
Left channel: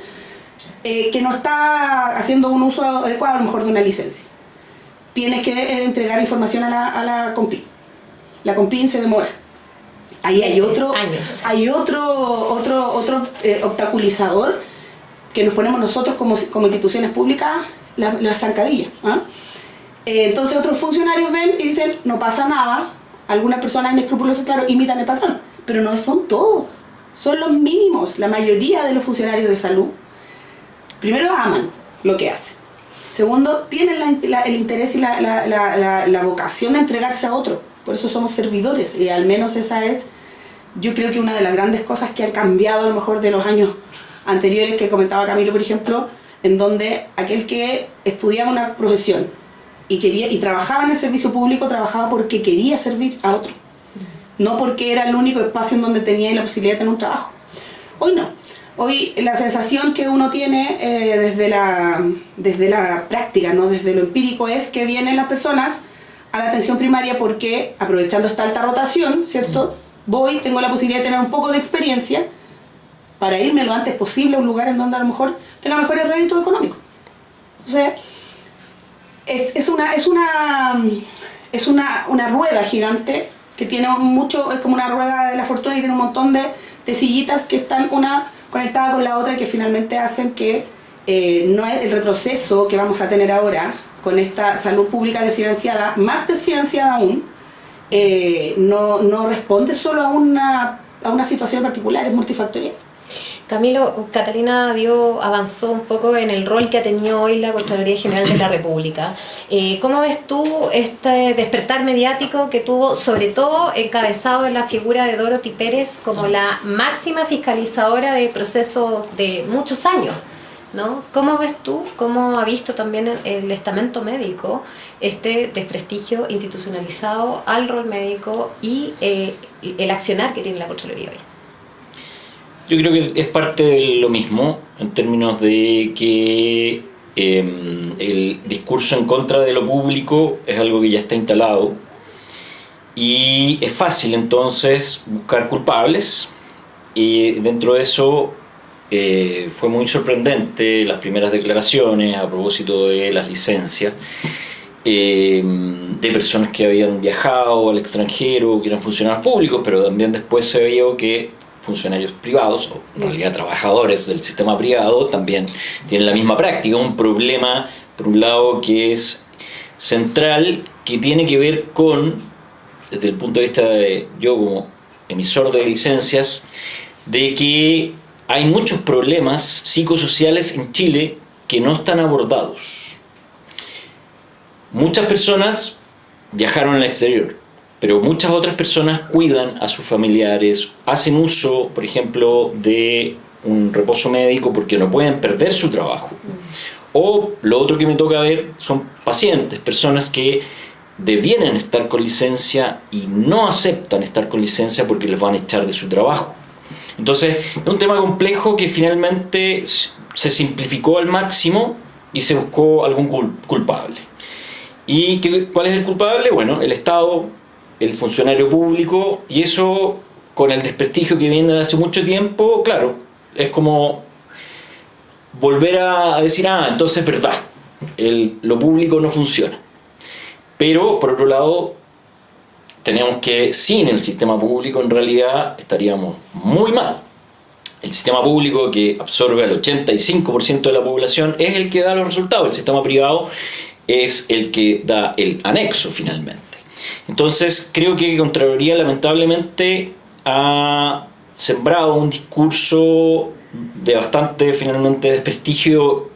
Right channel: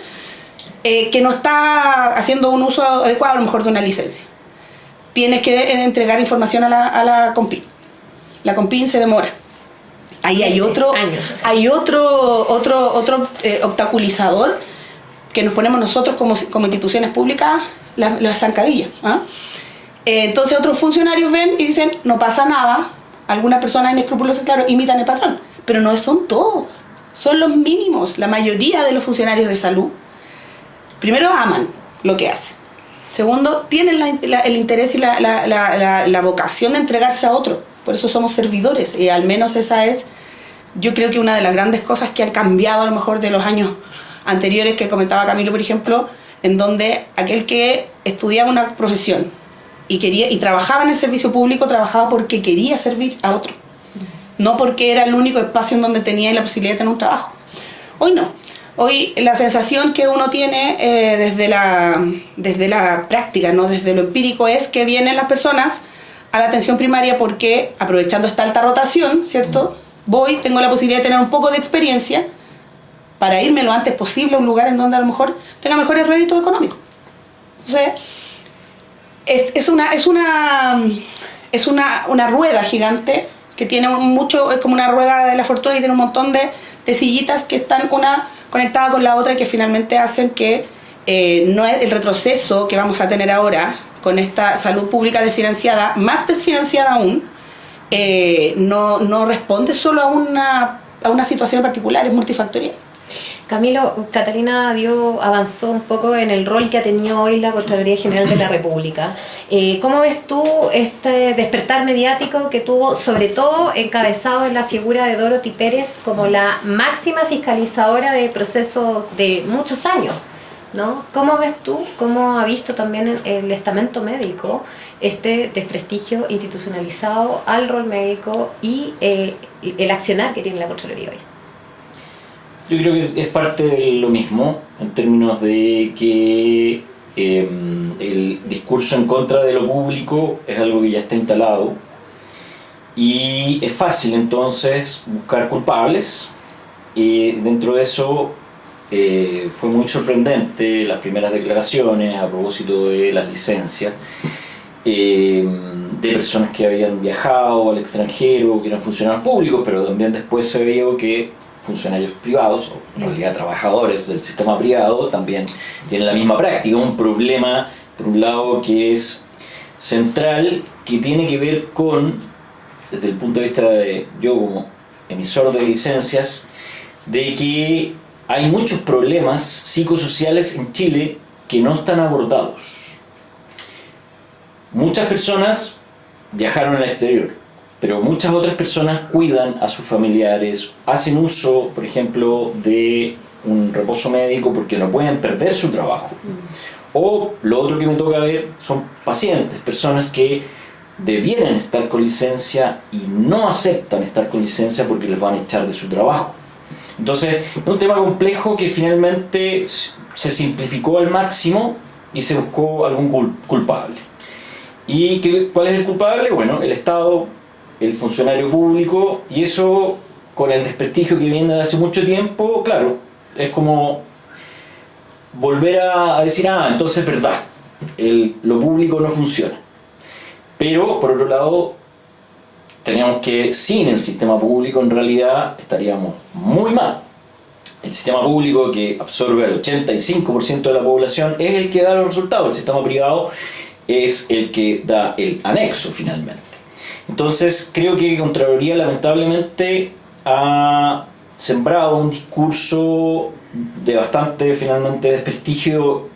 que no está haciendo un uso adecuado a lo mejor de una licencia. Tienes que entregar información a la COMPIN. La COMPIN se demora. Ahí hay otro obstaculizador que nos ponemos nosotros como instituciones públicas, las zancadillas. ¿Ah? Entonces otros funcionarios ven y dicen, no pasa nada. Algunas personas inescrupulosas, claro, imitan el patrón, pero no son todos, son los mínimos. La mayoría de los funcionarios de salud, primero, aman lo que hacen. Segundo, tienen el interés y la vocación de entregarse a otro. Por eso somos servidores, y al menos esa es, yo creo que una de las grandes cosas que han cambiado a lo mejor de los años anteriores que comentaba Camilo, por ejemplo, en donde aquel que estudiaba una profesión y trabajaba en el servicio público, trabajaba porque quería servir a otro, no porque era el único espacio en donde tenía la posibilidad de tener un trabajo. Hoy no. Hoy la sensación que uno tiene desde la práctica, ¿no? Desde lo empírico, es que vienen las personas a la atención primaria porque, aprovechando esta alta rotación, ¿cierto? Tengo la posibilidad de tener un poco de experiencia para irme lo antes posible a un lugar en donde a lo mejor tenga mejores réditos económicos. Entonces, es una rueda gigante que tiene es como una rueda de la fortuna y tiene un montón de sillitas que están una conectada con la otra y que finalmente hacen que no es el retroceso que vamos a tener ahora con esta salud pública desfinanciada, más desfinanciada aún, no responde solo a una situación particular, es multifactorial. Camilo, Catalina avanzó un poco en el rol que ha tenido hoy la Contraloría General de la República. ¿Cómo ves tú este despertar mediático que tuvo, sobre todo encabezado en la figura de Dorothy Pérez como la máxima fiscalizadora de procesos de muchos años, ¿no? ¿Cómo ves tú, cómo ha visto también el estamento médico este desprestigio institucionalizado al rol médico y el accionar que tiene la Contraloría hoy? Yo creo que es parte de lo mismo, en términos de que el discurso en contra de lo público es algo que ya está instalado y es fácil entonces buscar culpables, y dentro de eso fue muy sorprendente las primeras declaraciones a propósito de las licencias de personas que habían viajado al extranjero, que eran funcionarios públicos, pero también después se veía que funcionarios privados, o en realidad trabajadores del sistema privado, también tienen la misma práctica. Un problema, por un lado, que es central, que tiene que ver con, desde el punto de vista de yo como emisor de licencias, de que hay muchos problemas psicosociales en Chile que no están abordados. Muchas personas viajaron al exterior, pero muchas otras personas cuidan a sus familiares, hacen uso, por ejemplo, de un reposo médico porque no pueden perder su trabajo. O lo otro que me toca ver son pacientes, personas que debieran estar con licencia y no aceptan estar con licencia porque les van a echar de su trabajo. Entonces, es un tema complejo que finalmente se simplificó al máximo y se buscó algún culpable. ¿Y cuál es el culpable? Bueno, el Estado, el funcionario público, y eso con el desprestigio que viene de hace mucho tiempo, claro, es como volver a decir, entonces es verdad, lo público no funciona. Pero, por otro lado, tenemos que, sin el sistema público, en realidad estaríamos muy mal. El sistema público, que absorbe al 85% de la población, es el que da los resultados. El sistema privado es el que da el anexo, finalmente. Entonces, creo que Contraloría, lamentablemente, ha sembrado un discurso de bastante, finalmente, desprestigio,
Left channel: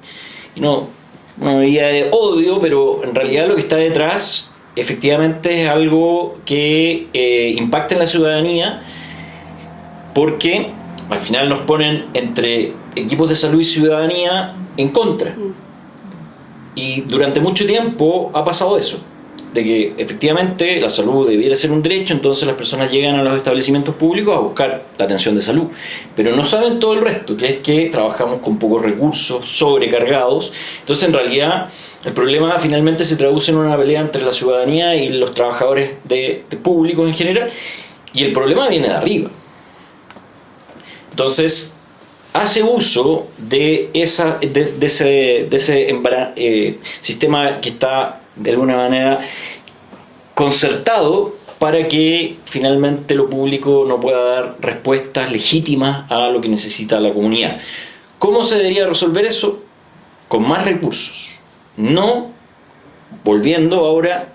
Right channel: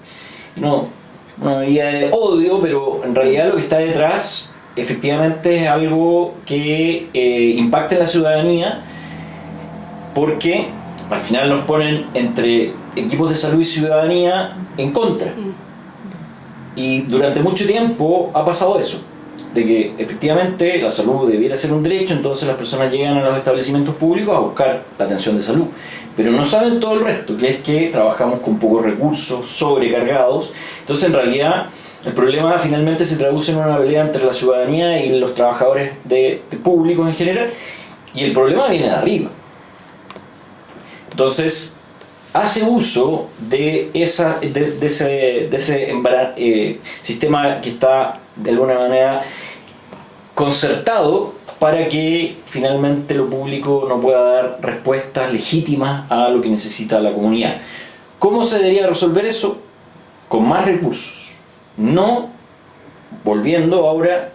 no diría de odio, pero en realidad lo que está detrás efectivamente es algo que impacta en la ciudadanía, porque al final nos ponen entre equipos de salud y ciudadanía en contra. Y durante mucho tiempo ha pasado eso, de que efectivamente la salud debiera ser un derecho, entonces las personas llegan a los establecimientos públicos a buscar la atención de salud, pero no saben todo el resto, que es que trabajamos con pocos recursos, sobrecargados. Entonces, en realidad, el problema finalmente se traduce en una pelea entre la ciudadanía y los trabajadores de públicos en general, y el problema viene de arriba. Entonces, hace uso de ese sistema que está de alguna manera concertado para que finalmente lo público no pueda dar respuestas legítimas a lo que necesita la comunidad. ¿Cómo se debería resolver eso? Con más recursos, no volviendo ahora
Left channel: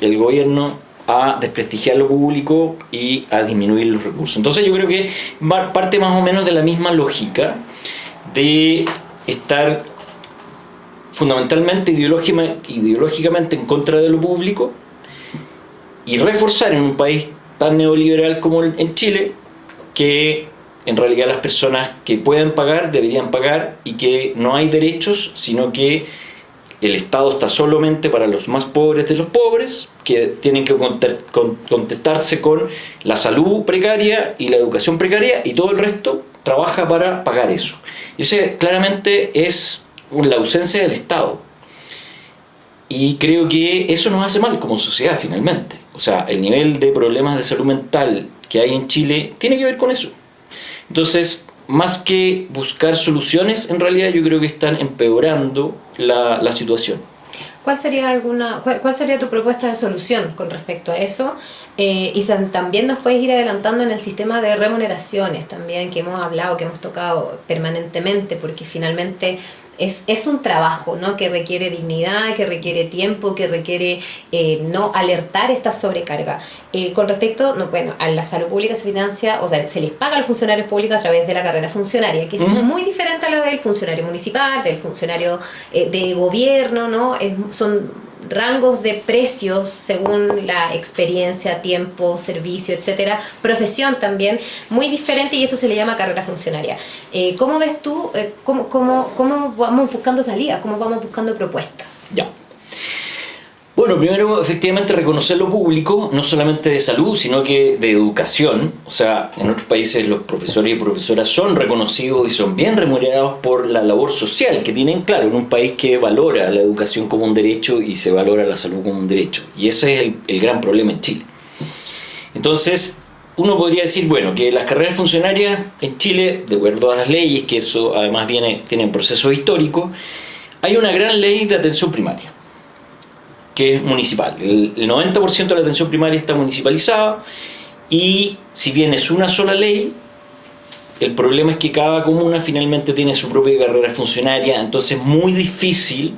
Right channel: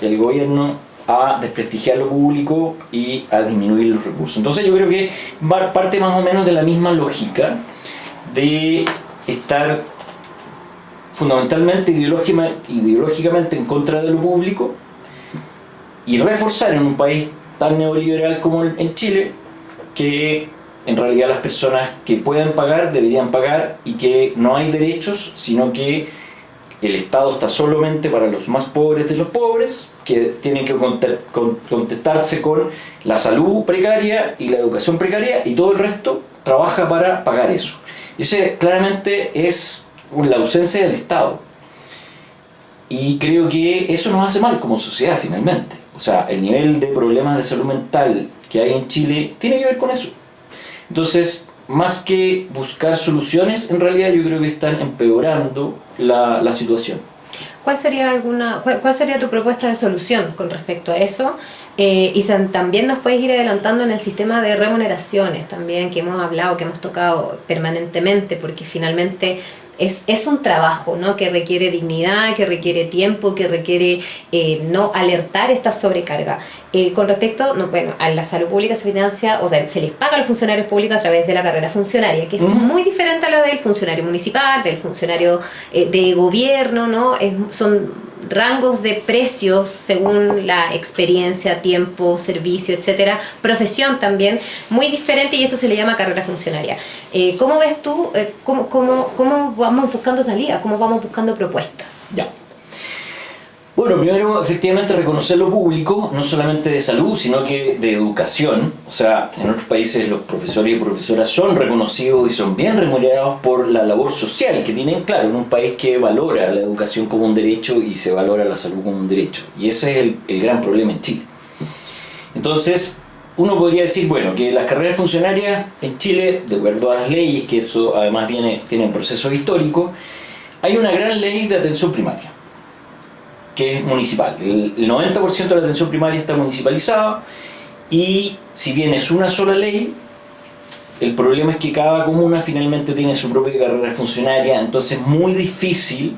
el gobierno a desprestigiar lo público y a disminuir los recursos. Entonces yo creo que parte más o menos de la misma lógica de estar fundamentalmente ideológicamente en contra de lo público y reforzar en un país tan neoliberal como en Chile que en realidad las personas que pueden pagar deberían pagar, y que no hay derechos, sino que el Estado está solamente para los más pobres de los pobres, que tienen que contentarse con la salud precaria y la educación precaria, y todo el resto trabaja para pagar eso. Ese claramente es la ausencia del Estado. Y creo que eso nos hace mal como sociedad finalmente. O sea, el nivel de problemas de salud mental que hay en Chile tiene que ver con eso. Entonces, más que buscar soluciones, en realidad yo creo que están empeorando la situación. ¿Cuál sería tu propuesta de solución con respecto a eso? Y también nos puedes ir adelantando en el sistema de remuneraciones también, que hemos hablado, que hemos tocado permanentemente, porque finalmente es un trabajo, ¿no?, que requiere dignidad, que requiere tiempo, que requiere no alertar esta sobrecarga. Con respecto, a la salud pública se financia, o sea, se les paga a los funcionarios públicos a través de la carrera funcionaria, que es muy diferente a la del funcionario municipal, del funcionario de gobierno, ¿no? Son rangos de precios según la experiencia, tiempo, servicio, etcétera, profesión también, muy diferente, y esto se le llama carrera funcionaria. ¿Cómo ves tú, cómo vamos buscando salidas, cómo vamos buscando propuestas? Ya. Bueno, primero, efectivamente, reconocer lo público, no solamente de salud, sino que de educación. O sea, en otros países los profesores y profesoras son reconocidos y son bien remunerados por la labor social que tienen, claro, en un país que valora la educación como un derecho y se valora la salud como un derecho. Y ese es el gran problema en Chile. Entonces, uno podría decir, bueno, que las carreras funcionarias en Chile, de acuerdo a las leyes, que eso además tienen procesos históricos, hay una gran ley de atención primaria, que es municipal. El 90% de la atención primaria está municipalizada y si bien es una sola ley, el problema es que cada comuna finalmente tiene su propia carrera funcionaria, entonces es muy difícil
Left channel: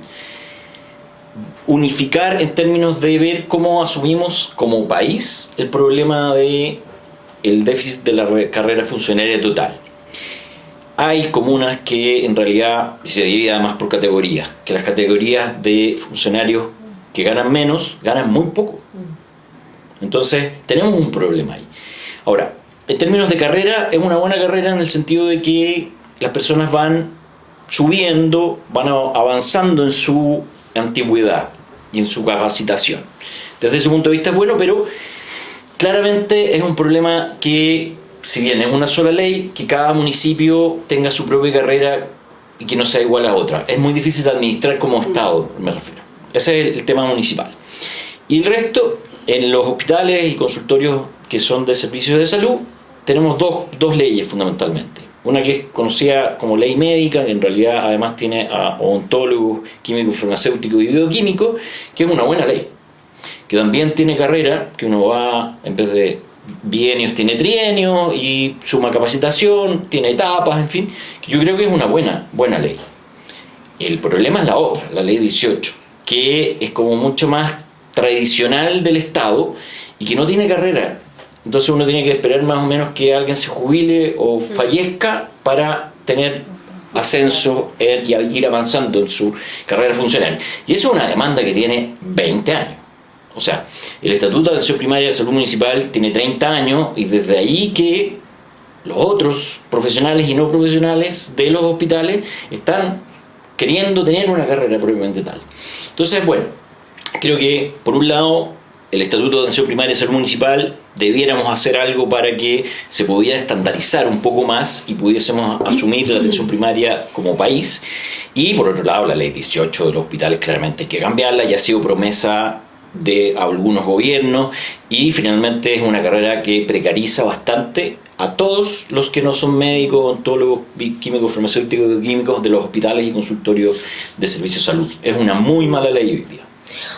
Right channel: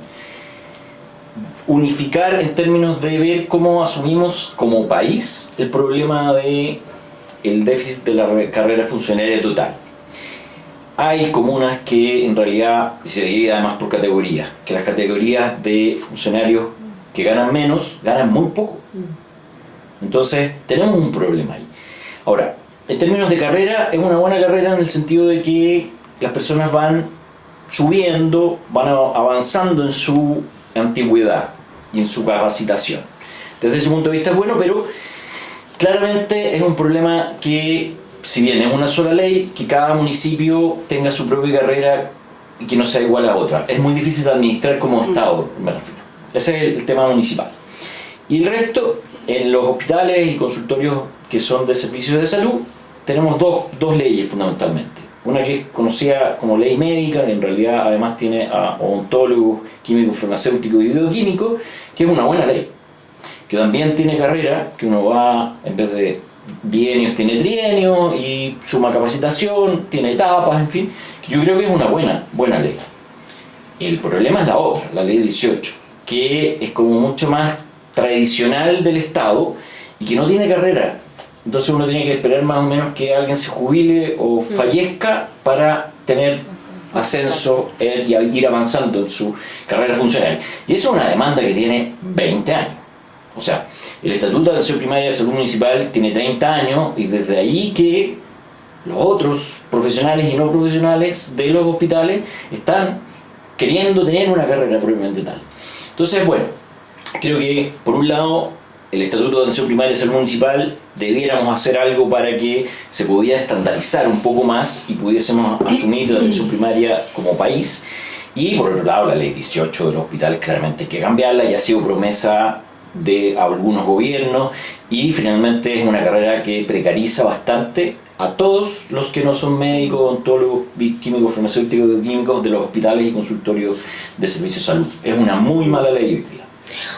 unificar en términos de ver cómo asumimos como país el problema de el déficit de la carrera funcionaria total. Hay comunas que en realidad se dividen además por categorías, que las categorías de funcionarios que ganan menos, ganan muy poco. Entonces, tenemos un problema ahí. Ahora, en términos de carrera, es una buena carrera en el sentido de que las personas van subiendo, van avanzando en su antigüedad y en su capacitación. Desde ese punto de vista es bueno, pero claramente es un problema que, si bien es una sola ley, que cada municipio tenga su propia carrera y que no sea igual a otra. Es muy difícil de administrar como Estado, me refiero. Ese es el tema municipal. Y el resto, en los hospitales y consultorios que son de servicios de salud, tenemos dos leyes fundamentalmente. Una que es conocida como ley médica, que en realidad además tiene a odontólogos, químicos, farmacéuticos y bioquímicos, que es una buena ley. Que también tiene carrera, que uno va, en vez de bienios, tiene trienios y suma capacitación, tiene etapas, en fin. Que yo creo que es una buena ley. El problema es la otra, la ley 18. Que es como mucho más tradicional del Estado y que no tiene carrera. Entonces uno tiene que esperar más o menos que alguien se jubile o fallezca para tener ascenso y ir avanzando en su carrera funcional. Y eso es una demanda que tiene 20 años. O sea, el Estatuto de Atención Primaria de Salud Municipal tiene 30 años y desde ahí que los otros profesionales y no profesionales de los hospitales están queriendo tener una carrera propiamente tal. Entonces, bueno, creo que por un lado el Estatuto de Atención Primaria de Salud Municipal debiéramos hacer algo para que se pudiera estandarizar un poco más y pudiésemos asumir la atención primaria como país. Y por otro lado, la ley 18 de los hospitales claramente hay que cambiarla, ya ha sido promesa de algunos gobiernos y finalmente es una carrera que precariza bastante a todos los que no son médicos, odontólogos, químicos, farmacéuticos, bioquímicos de los hospitales y consultorios de servicios de salud. Es una muy mala ley hoy día.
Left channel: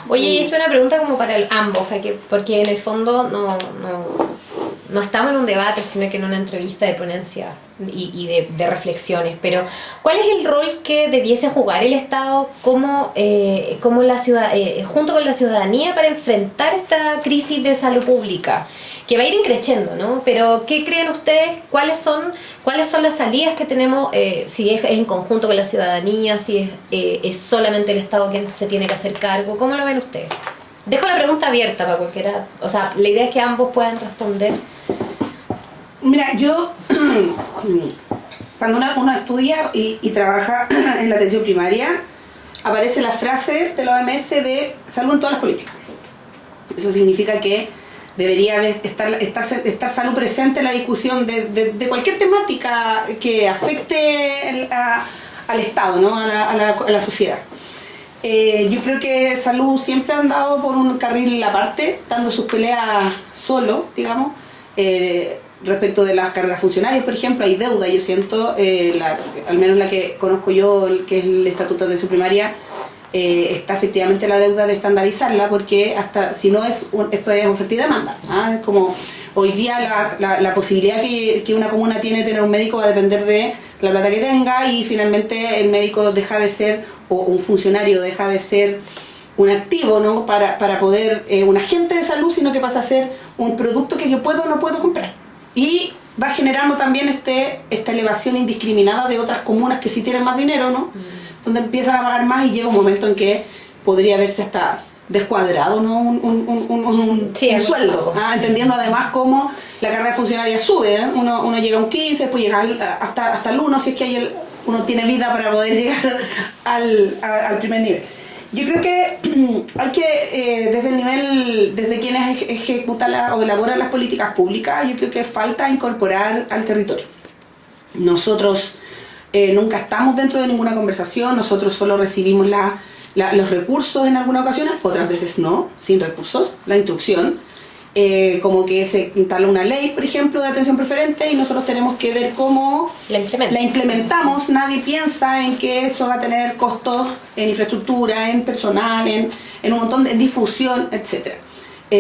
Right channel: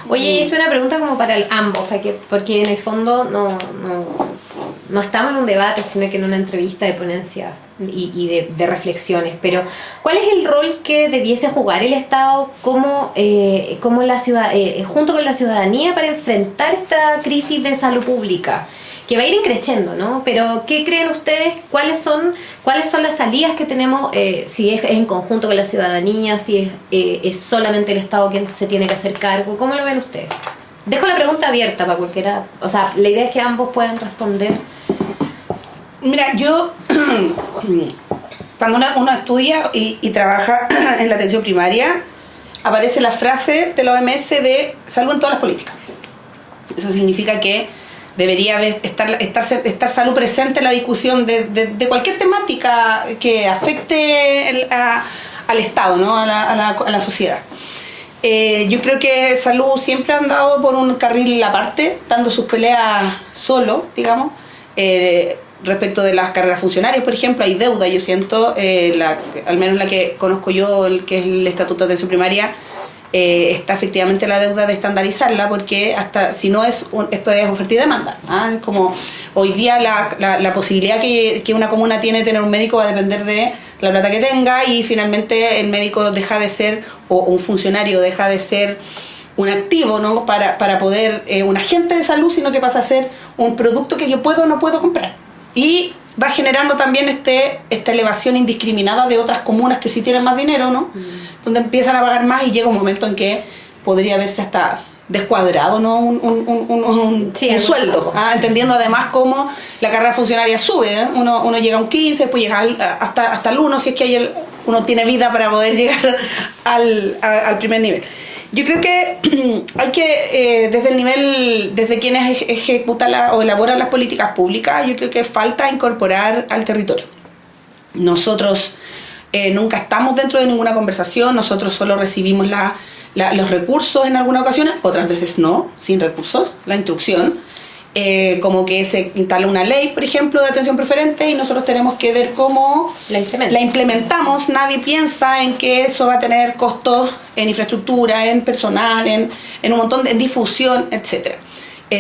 Oye, esta es una pregunta como para ambos, porque en el fondo no estamos en un debate, sino que en una entrevista de ponencia y de reflexiones. Pero, ¿cuál es el rol que debiese jugar el Estado como la ciudad, junto con la ciudadanía para enfrentar esta crisis de salud pública? Que va a ir creciendo, ¿no? Pero, ¿qué creen ustedes? ¿Cuáles son las salidas que tenemos? Si es en conjunto con la ciudadanía, si es solamente el Estado quien se tiene que hacer cargo. ¿Cómo lo ven ustedes? Dejo la pregunta abierta para cualquiera. O sea, la idea es que ambos puedan responder. Mira, yo, cuando uno estudia y trabaja en la atención primaria, aparece la frase de la OMS de salud en todas las políticas. Eso significa que debería estar salud presente en la discusión de cualquier temática que afecte al Estado, ¿no? a la sociedad. Yo creo que salud siempre ha andado por un carril aparte, dando sus peleas solo, digamos. Respecto de las carreras funcionarias, por ejemplo, hay deuda, yo siento, al menos la que conozco yo, que es el Estatuto de Atención Primaria, está efectivamente la deuda de estandarizarla, porque hasta si no esto es oferta y demanda. Es como hoy día la posibilidad que una comuna tiene de tener un médico va a depender de la plata que tenga, y finalmente el médico deja de ser, o un funcionario deja de ser un activo, ¿no? para poder, un agente de salud, sino que pasa a ser un producto que yo puedo o no puedo comprar. Y va generando también esta elevación indiscriminada de otras comunas que sí tienen más dinero, ¿no? Donde empiezan a pagar más y llega un momento en que podría verse hasta descuadrado, ¿no? un sueldo, entendiendo además cómo la carrera funcionaria sube, ¿eh? Uno llega a un 15, después llega hasta el 1, si es que uno tiene vida para poder llegar al primer nivel. Yo creo que hay que, desde el nivel, desde quienes ejecutan o elaboran las políticas públicas, yo creo que falta incorporar al territorio. Nosotros nunca estamos dentro de ninguna conversación, nosotros solo recibimos los recursos en algunas ocasiones, otras veces no, sin recursos, la instrucción. Como que se instala una ley, por ejemplo, de atención preferente y nosotros tenemos que ver cómo la implementamos. Nadie piensa en que eso va a tener costos en infraestructura, en personal, en un montón de difusión, etc.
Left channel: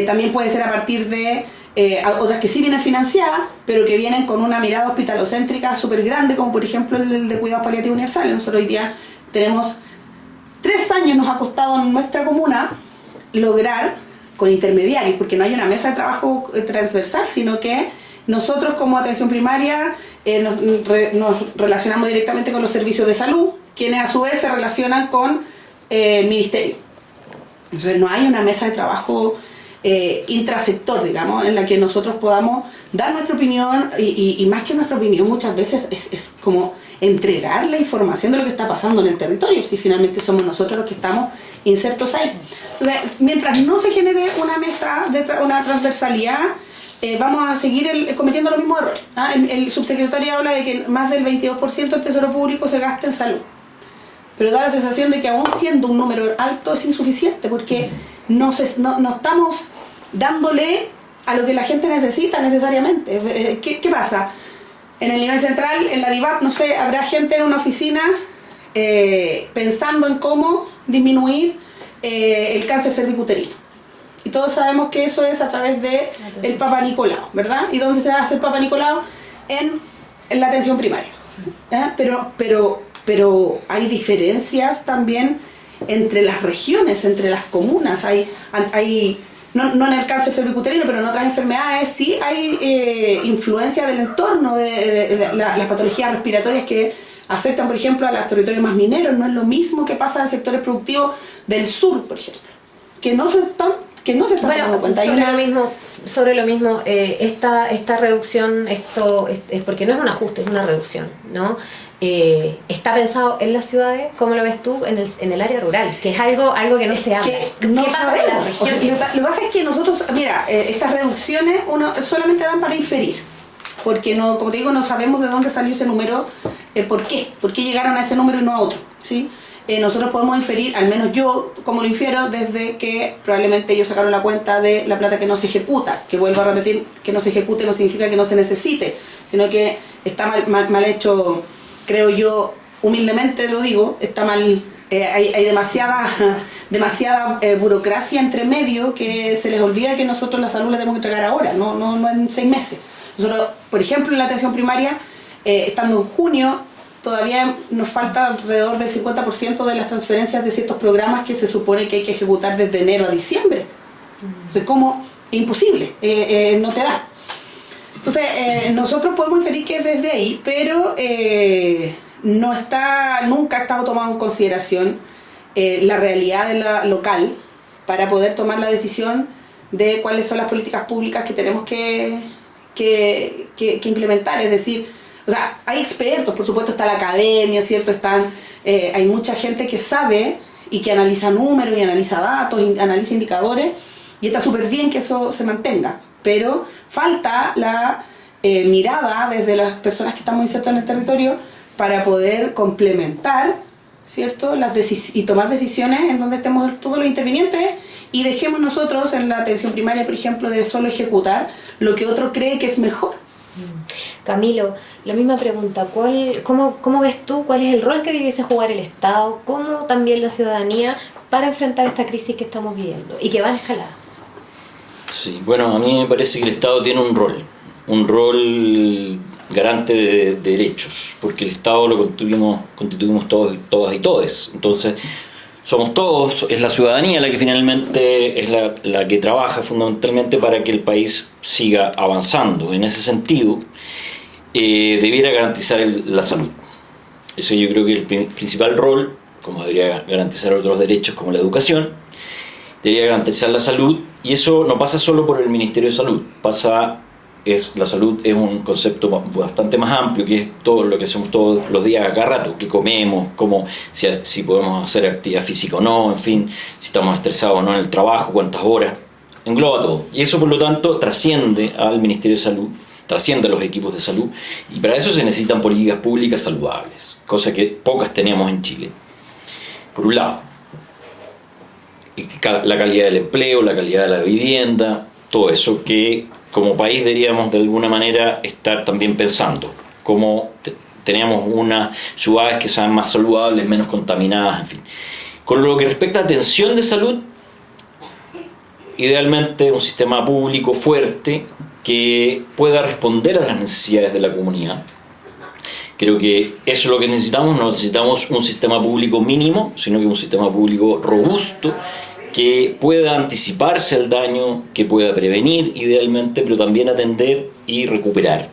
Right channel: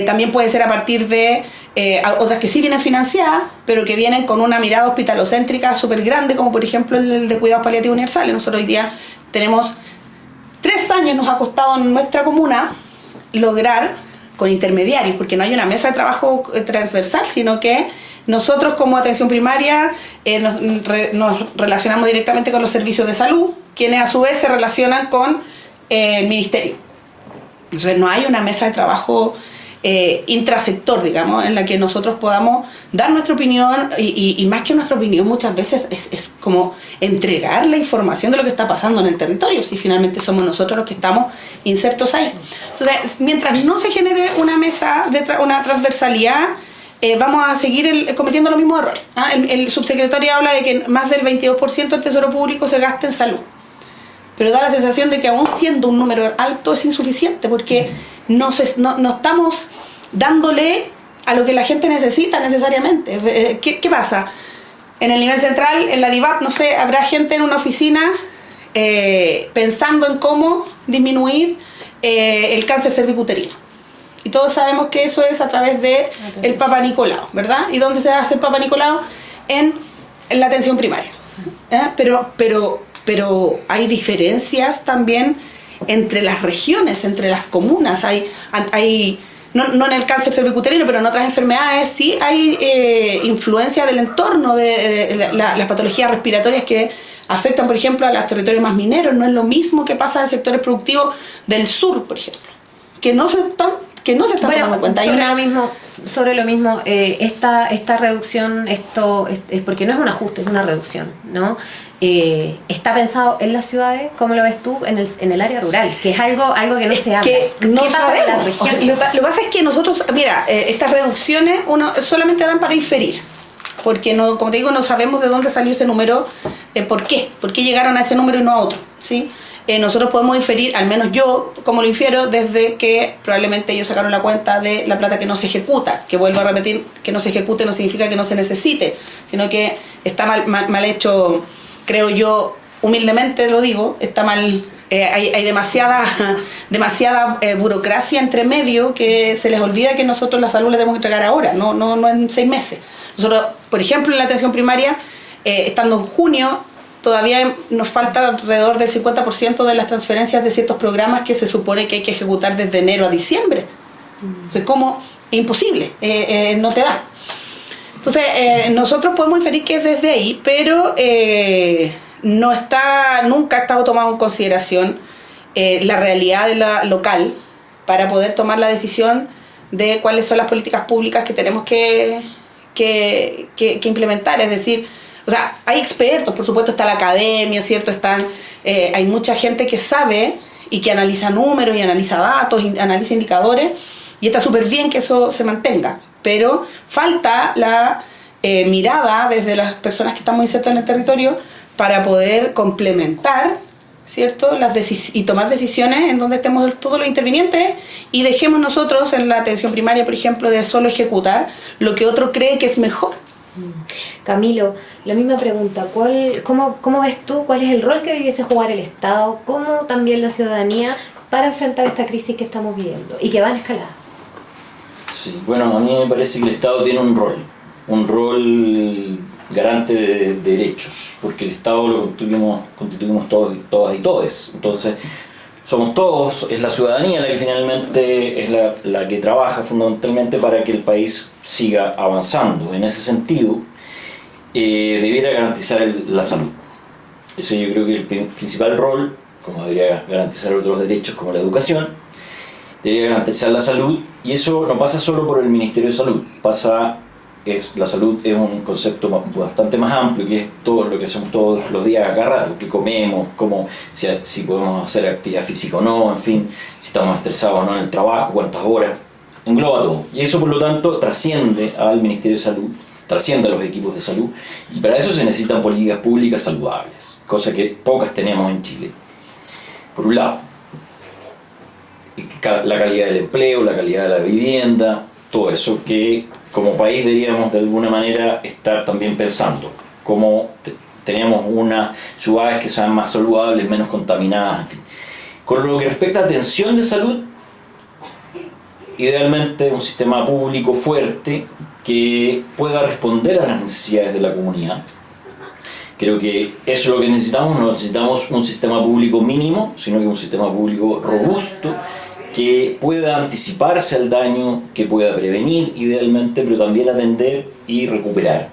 También puede ser a partir de otras que sí vienen financiadas, pero que vienen con una mirada hospitalocéntrica súper grande, como por ejemplo el de cuidados paliativos universales. Nosotros hoy día tenemos 3 años, nos ha costado en nuestra comuna lograr con intermediarios, porque no hay una mesa de trabajo transversal, sino que nosotros como atención primaria nos relacionamos directamente con los servicios de salud, quienes a su vez se relacionan con el ministerio. Entonces no hay una mesa de trabajo intrasector, digamos, en la que nosotros podamos dar nuestra opinión y más que nuestra opinión muchas veces es como entregar la información de lo que está pasando en el territorio, si finalmente somos nosotros los que estamos insertos ahí. Entonces, mientras no se genere una mesa de una transversalidad, vamos a seguir cometiendo los mismos errores. El subsecretario habla de que más del 22% del tesoro público se gasta en salud, pero da la sensación de que aún siendo un número alto es insuficiente, porque no estamos dándole a lo que la gente necesita necesariamente. ¿Qué pasa? En el nivel central, en la DIVAP, no sé, habrá gente en una oficina pensando en cómo disminuir el cáncer cervicuterino. Y todos sabemos que eso es a través del Papa Nicolau, ¿verdad? ¿Y dónde se hace el Papa Nicolau? En la atención primaria. Pero hay diferencias también entre las regiones, entre las comunas. No en el cáncer cervicuterino, pero en otras enfermedades sí hay influencia del entorno, de las patologías respiratorias que afectan, por ejemplo, a los territorios más mineros. No es lo mismo que pasa en sectores productivos del sur, por ejemplo, que no se están dando cuenta. Sobre lo mismo, esta reducción, esto es porque no es un ajuste, es una reducción, ¿no? Está pensado en las ciudades, ¿cómo lo ves tú? En el área rural, que es algo que no se habla. ¿Qué pasa en la región? Lo que pasa es que nosotros, mira, estas reducciones solamente dan para inferir, porque no, como te digo, no sabemos de dónde salió ese número, por qué llegaron a ese número y no a otro, ¿sí? Nosotros podemos inferir, al menos yo, como lo infiero, desde que probablemente ellos sacaron la cuenta de la plata que no se ejecuta, que vuelvo a repetir, que no se ejecute no significa que no se necesite, sino que está mal hecho, creo yo, humildemente lo digo, está mal, hay demasiada burocracia entre medio que se les olvida que nosotros la salud la tenemos que entregar ahora, no en 6 meses. Nosotros, por ejemplo, en la atención primaria, estando en junio, todavía nos falta alrededor del 50% de las transferencias de ciertos programas que se supone que hay que ejecutar desde enero a diciembre. Entonces, ¿cómo? Imposible, no te da. Entonces, nosotros podemos inferir que es desde ahí, pero nunca ha estado tomado en consideración la realidad de la local para poder tomar la decisión de cuáles son las políticas públicas que tenemos que implementar. Es decir, o sea, hay expertos, por supuesto está la academia, ¿cierto? Hay mucha gente que sabe y que analiza números y analiza datos, y analiza indicadores, y está súper bien que eso se mantenga, pero falta la mirada desde las personas que estamos insertas en el territorio para poder complementar, ¿cierto? Y tomar decisiones en donde estemos todos los intervinientes y dejemos nosotros en la atención primaria, por ejemplo, de solo ejecutar lo que otro cree que es mejor. Camilo, la misma pregunta, ¿cómo ves tú cuál es el rol que debiese jugar el Estado, cómo también la ciudadanía para enfrentar esta crisis que estamos viviendo y que va en escalada? Sí, bueno, a mí me parece que el Estado tiene un rol garante de derechos, porque el Estado lo constituimos todas y todes. Entonces, somos todos, es la ciudadanía la que finalmente es la que trabaja fundamentalmente para que el país siga avanzando. En ese sentido, debiera garantizar la salud. Ese yo creo que es el principal rol, como debería garantizar otros derechos como la educación, debería garantizar la salud, y eso no pasa solo por el Ministerio de Salud, pasa la salud es un concepto bastante más amplio, que es todo lo que hacemos todos los días a cada rato, qué comemos, si podemos hacer actividad física o no, en fin, si estamos estresados o no en el trabajo, cuántas horas, engloba todo. Y eso, por lo tanto, trasciende al Ministerio de Salud, trasciende a los equipos de salud, y para eso se necesitan políticas públicas saludables, cosa que pocas tenemos en Chile. Por un lado, la calidad del empleo, la calidad de la vivienda, todo eso que como país deberíamos de alguna manera estar también pensando, cómo tenemos unas ciudades que sean más saludables, menos contaminadas, en fin. Con lo que respecta a atención de salud, idealmente un sistema público fuerte que pueda responder a las necesidades de la comunidad. Creo que eso es lo que necesitamos. No necesitamos un sistema público mínimo, sino que un sistema público robusto que pueda anticiparse al daño, que pueda prevenir idealmente, pero también atender y recuperar.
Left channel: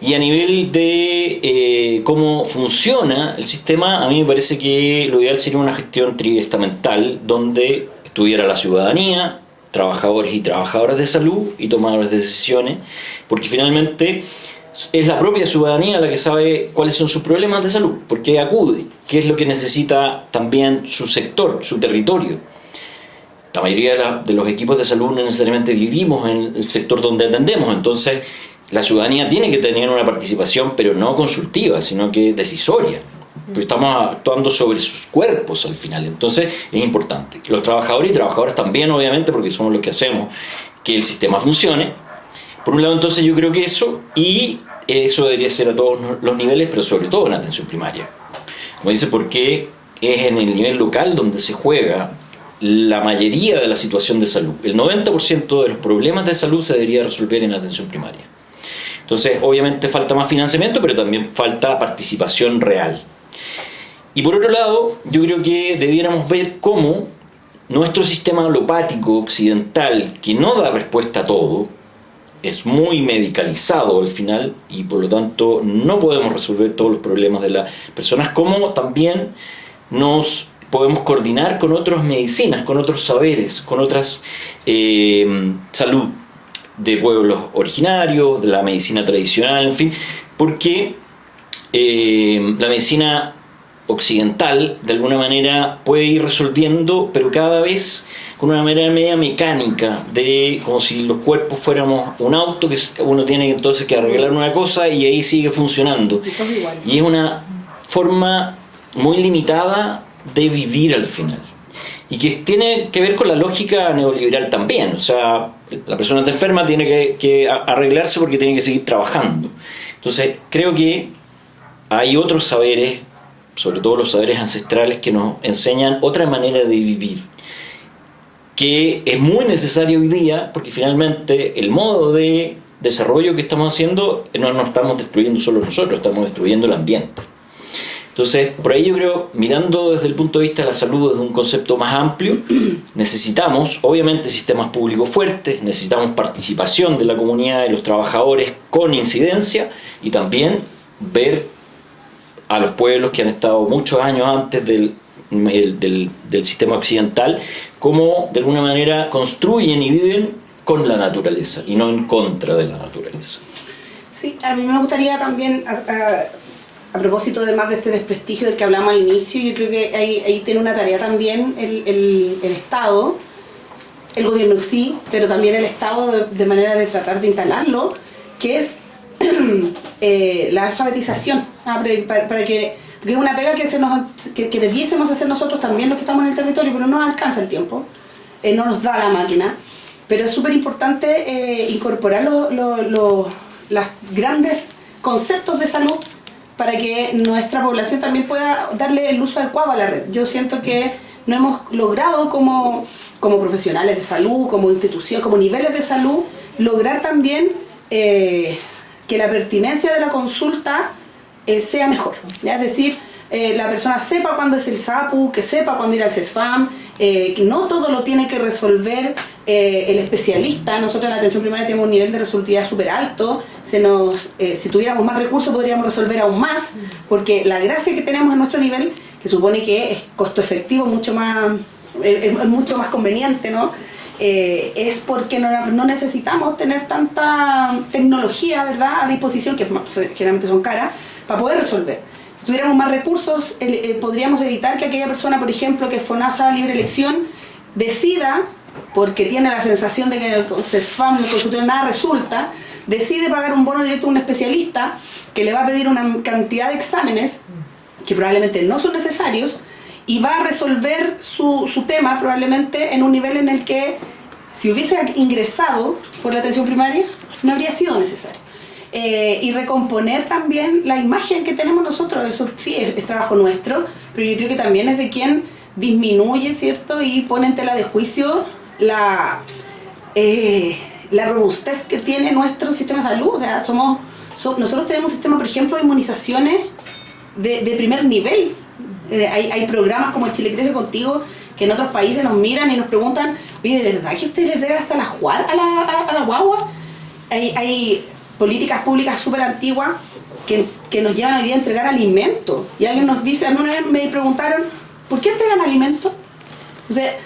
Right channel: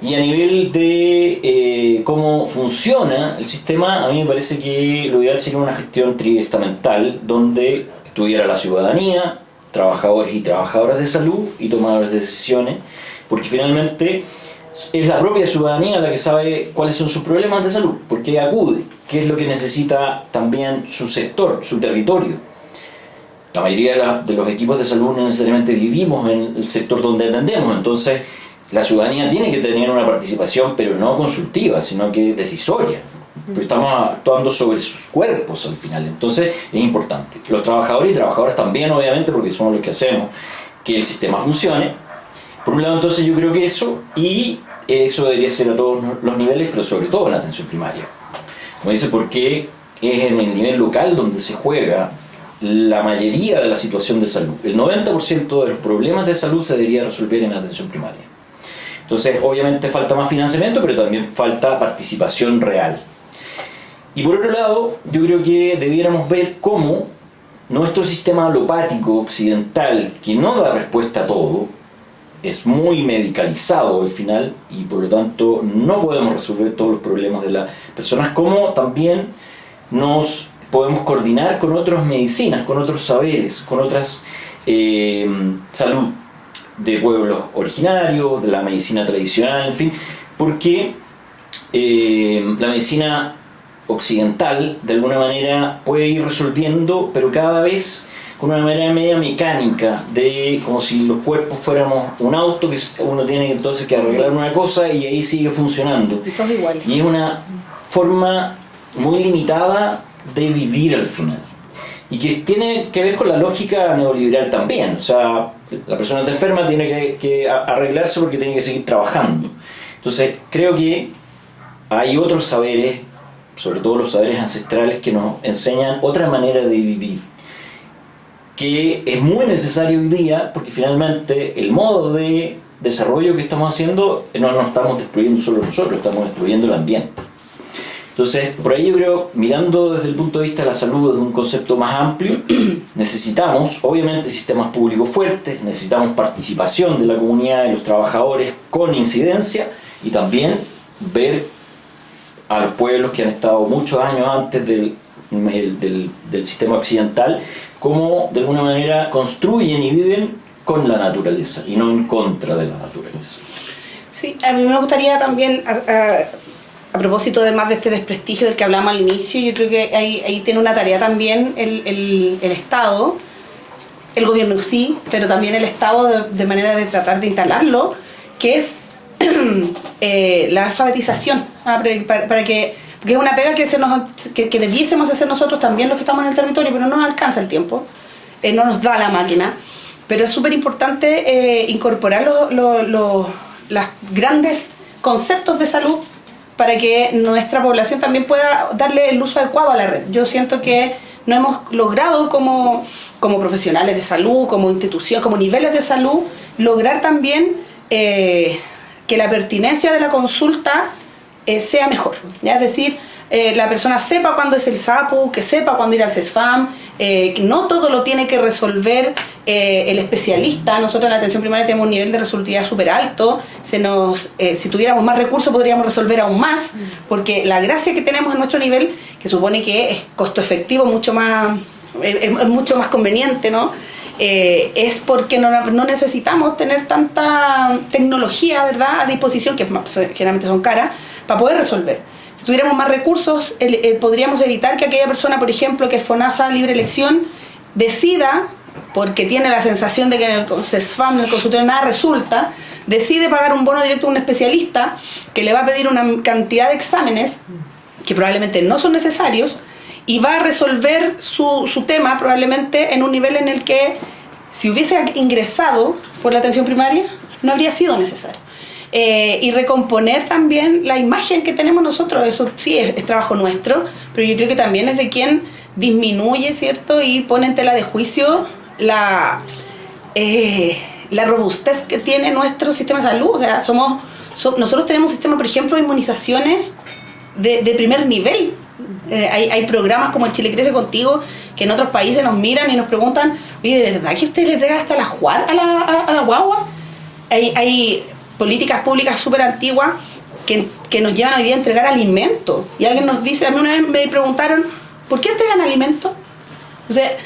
Y a nivel de cómo funciona el sistema, a mí me parece que lo ideal sería una gestión triestamental donde estuviera la ciudadanía, trabajadores y trabajadoras de salud y tomadores de decisiones, porque finalmente es la propia ciudadanía la que sabe cuáles son sus problemas de salud, por qué acude, qué es lo que necesita también su sector, su territorio. La mayoría de los equipos de salud no necesariamente vivimos en el sector donde atendemos, entonces la ciudadanía tiene que tener una participación, pero no consultiva, sino que decisoria. Pero estamos actuando sobre sus cuerpos al final, entonces es importante. Los trabajadores y trabajadoras también, obviamente, porque somos los que hacemos que el sistema funcione. Por un lado, entonces yo creo que eso debería ser a todos los niveles, pero sobre todo en la atención primaria. Como dice, porque es en el nivel local donde se juega la mayoría de la situación de salud. El 90% de los problemas de salud se debería resolver en atención primaria. Entonces, obviamente falta más financiamiento, pero también falta participación real. Y por otro lado, yo creo que debiéramos ver cómo nuestro sistema alopático occidental, que no da respuesta a todo, es muy medicalizado al final y por lo tanto no podemos resolver todos los problemas de las personas, como también nos podemos coordinar con otras medicinas, con otros saberes, con otras salud de pueblos originarios, de la medicina tradicional, en fin, porque la medicina occidental de alguna manera puede ir resolviendo, pero cada vez con una manera media mecánica, de como si los cuerpos fuéramos un auto que uno tiene entonces que arreglar una cosa y ahí sigue funcionando. Y es una forma muy limitada de vivir al final. Y que tiene que ver con la lógica neoliberal también. O sea, la persona está enferma, tiene que arreglarse porque tiene que seguir trabajando. Entonces, creo que hay otros saberes, sobre todo los saberes ancestrales, que nos enseñan otra manera de vivir, que es muy necesario hoy día, porque finalmente el modo de desarrollo que estamos haciendo no nos estamos destruyendo solo nosotros, estamos destruyendo el ambiente. Entonces, por ahí yo creo, mirando desde el punto de vista de la salud, desde un concepto más amplio, necesitamos, obviamente, sistemas públicos fuertes, necesitamos participación de la comunidad y los trabajadores con incidencia, y también ver a los pueblos que han estado muchos años antes del sistema occidental, cómo de alguna manera construyen y viven con la naturaleza y no en contra de la naturaleza. Sí, a mí me gustaría también, a propósito además de este desprestigio del que hablamos al inicio, yo creo que ahí tiene una tarea también el Estado, el gobierno sí, pero también el Estado de manera de tratar de instalarlo, que es la alfabetización, para que, porque es una pega que debiésemos hacer nosotros también los que estamos en el territorio, pero no nos alcanza el tiempo, no nos da la máquina, pero es súper importante incorporar los grandes conceptos de salud para que nuestra población también pueda darle el uso adecuado a la red. Yo siento que no hemos logrado como profesionales de salud, como institución, como niveles de salud, lograr también que la pertinencia de la consulta sea mejor, ¿ya? Es decir, la persona sepa cuándo es el SAPU, que sepa cuándo ir al CESFAM, que no todo lo tiene que resolver el especialista. Nosotros en la atención primaria tenemos un nivel de resolutividad súper alto. Si tuviéramos más recursos podríamos resolver aún más, porque la gracia que tenemos en nuestro nivel, que supone que es costo efectivo, es mucho más conveniente, ¿no? es porque no necesitamos tener tanta tecnología, ¿verdad?, a disposición, que generalmente son caras, para poder resolver. Si tuviéramos más recursos, podríamos evitar que aquella persona, por ejemplo, que es FONASA libre elección, decida, porque tiene la sensación de que en el CESFAM, en el consultorio, nada resulta, decide pagar un bono directo a un especialista que le va a pedir una cantidad de exámenes que probablemente no son necesarios, y va a resolver su tema probablemente en un nivel en el que, si hubiese ingresado por la atención primaria, no habría sido necesario. Y recomponer también la imagen que tenemos nosotros, eso sí es trabajo nuestro, pero yo creo que también es de quien disminuye, ¿cierto?, y pone en tela de juicio la robustez que tiene nuestro sistema de salud. O sea, nosotros tenemos un sistema, por ejemplo, de inmunizaciones de primer nivel. Hay programas como el Chile Crece Contigo, que en otros países nos miran y nos preguntan, oye, ¿de verdad que usted le entrega hasta la juar a la guagua? Hay políticas públicas súper antiguas que nos llevan hoy día a entregar alimentos. Y alguien nos dice, a mí una vez me preguntaron, ¿por qué entregan alimentos? O sea,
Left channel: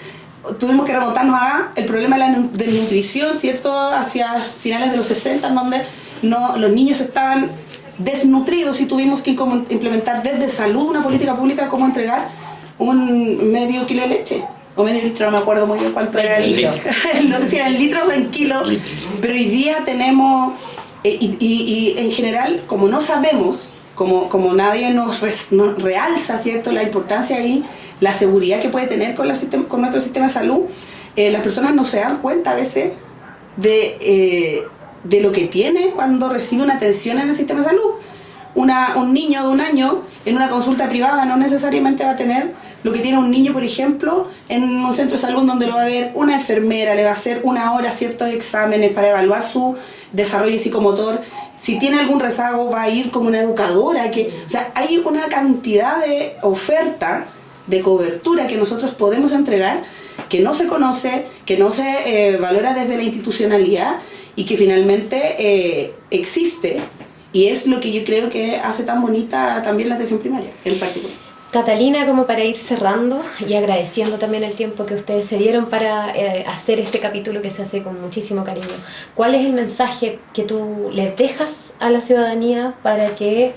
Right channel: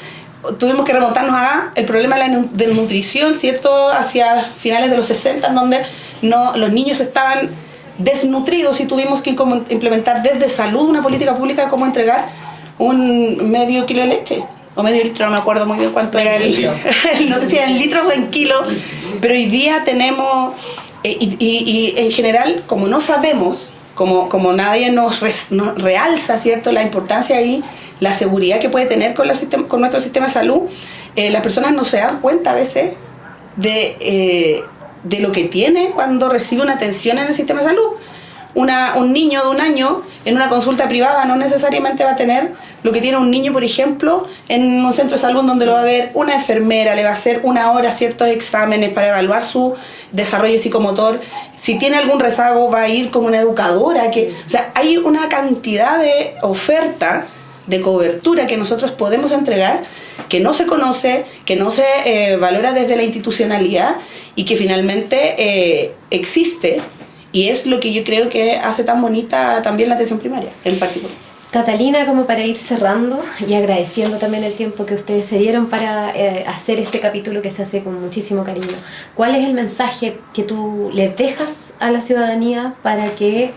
tuvimos que remontarnos a el problema de la desnutrición, ¿cierto?, hacia finales de los 60, en donde los niños estaban desnutridos y tuvimos que implementar desde salud una política pública como entregar un medio kilo de leche o medio litro, no me acuerdo muy bien cuánto era el litro. No sé si era en litros o en kilos, pero hoy día tenemos y en general, como no sabemos, como nadie nos realza, ¿cierto?, la importancia y la seguridad que puede tener con nuestro sistema de salud, las personas no se dan cuenta a veces de lo que tiene cuando recibe una atención en el sistema de salud. Un niño de 1 año en una consulta privada no necesariamente va a tener lo que tiene un niño, por ejemplo, en un centro de salud donde lo va a ver una enfermera, le va a hacer 1 hora ciertos exámenes para evaluar su desarrollo psicomotor. Si tiene algún rezago, va a ir como una educadora. O sea, hay una cantidad de oferta, de cobertura que nosotros podemos entregar, que no se conoce, que no se valora desde la institucionalidad y que finalmente existe, y es lo que yo creo que hace tan bonita también la atención primaria en particular. Catalina, como para ir cerrando y agradeciendo también el tiempo que ustedes se dieron para hacer este capítulo que se hace con muchísimo cariño, ¿cuál es el mensaje que tú les dejas a la ciudadanía para que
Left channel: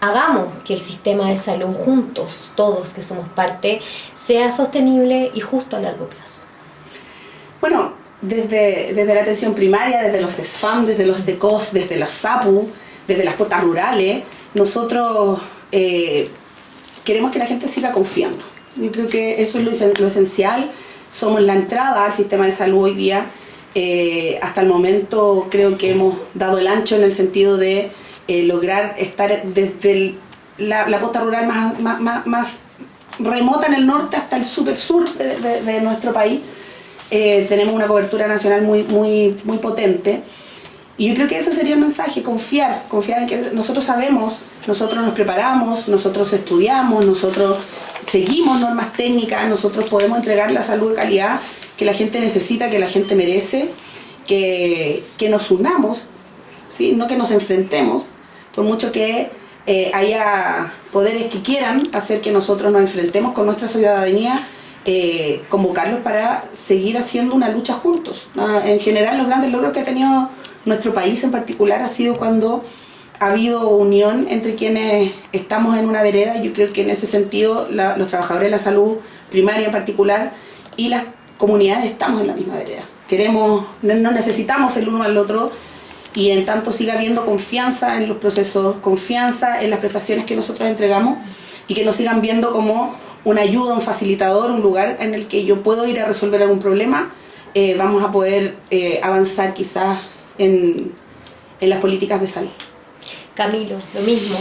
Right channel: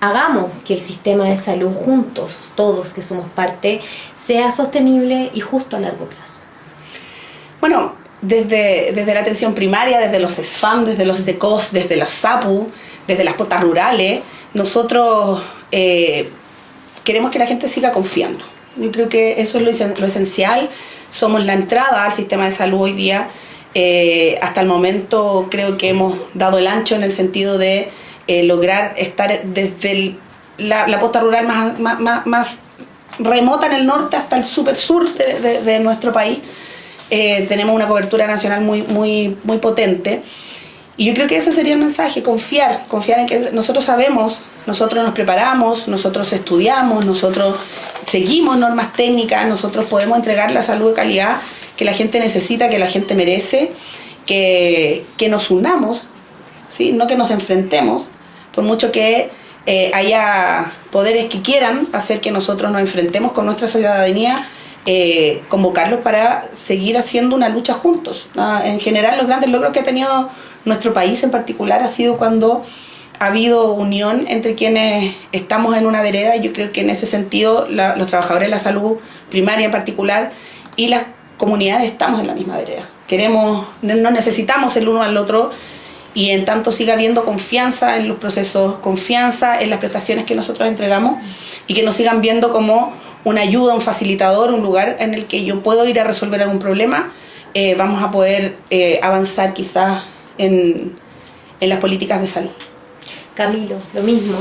hagamos que el sistema de salud juntos, todos que somos parte, sea sostenible y justo a largo plazo? Bueno, desde la atención primaria, desde los SFAM, desde los DECOF, desde los SAPU, desde las potas rurales, nosotros queremos que la gente siga confiando. Yo creo que eso es lo esencial. Somos la entrada al sistema de salud hoy día. Hasta el momento creo que hemos dado el ancho en el sentido de lograr estar desde la posta rural más remota en el norte hasta el super sur de nuestro país. Tenemos una cobertura nacional muy potente, y yo creo que ese sería el mensaje: confiar en que nosotros sabemos, nosotros nos preparamos, nosotros estudiamos, nosotros seguimos normas técnicas, nosotros podemos entregar la salud de calidad que la gente necesita, que la gente merece, que nos unamos, ¿sí?, no que nos enfrentemos, por mucho que haya poderes que quieran hacer que nosotros nos enfrentemos con nuestra ciudadanía. Convocarlos para seguir haciendo una lucha juntos. En general, los grandes logros que ha tenido nuestro país en particular ha sido cuando ha habido unión entre quienes estamos en una vereda, y yo creo que en ese sentido los trabajadores de la salud primaria en particular y las comunidades estamos en la misma vereda. Nos necesitamos el uno al otro, y en tanto siga habiendo confianza en los procesos, confianza en las prestaciones que nosotros entregamos, y que nos sigan viendo como una ayuda, un facilitador, un lugar en el que yo puedo ir a resolver algún problema, vamos a poder avanzar quizás en las políticas de salud. Camilo, lo mismo.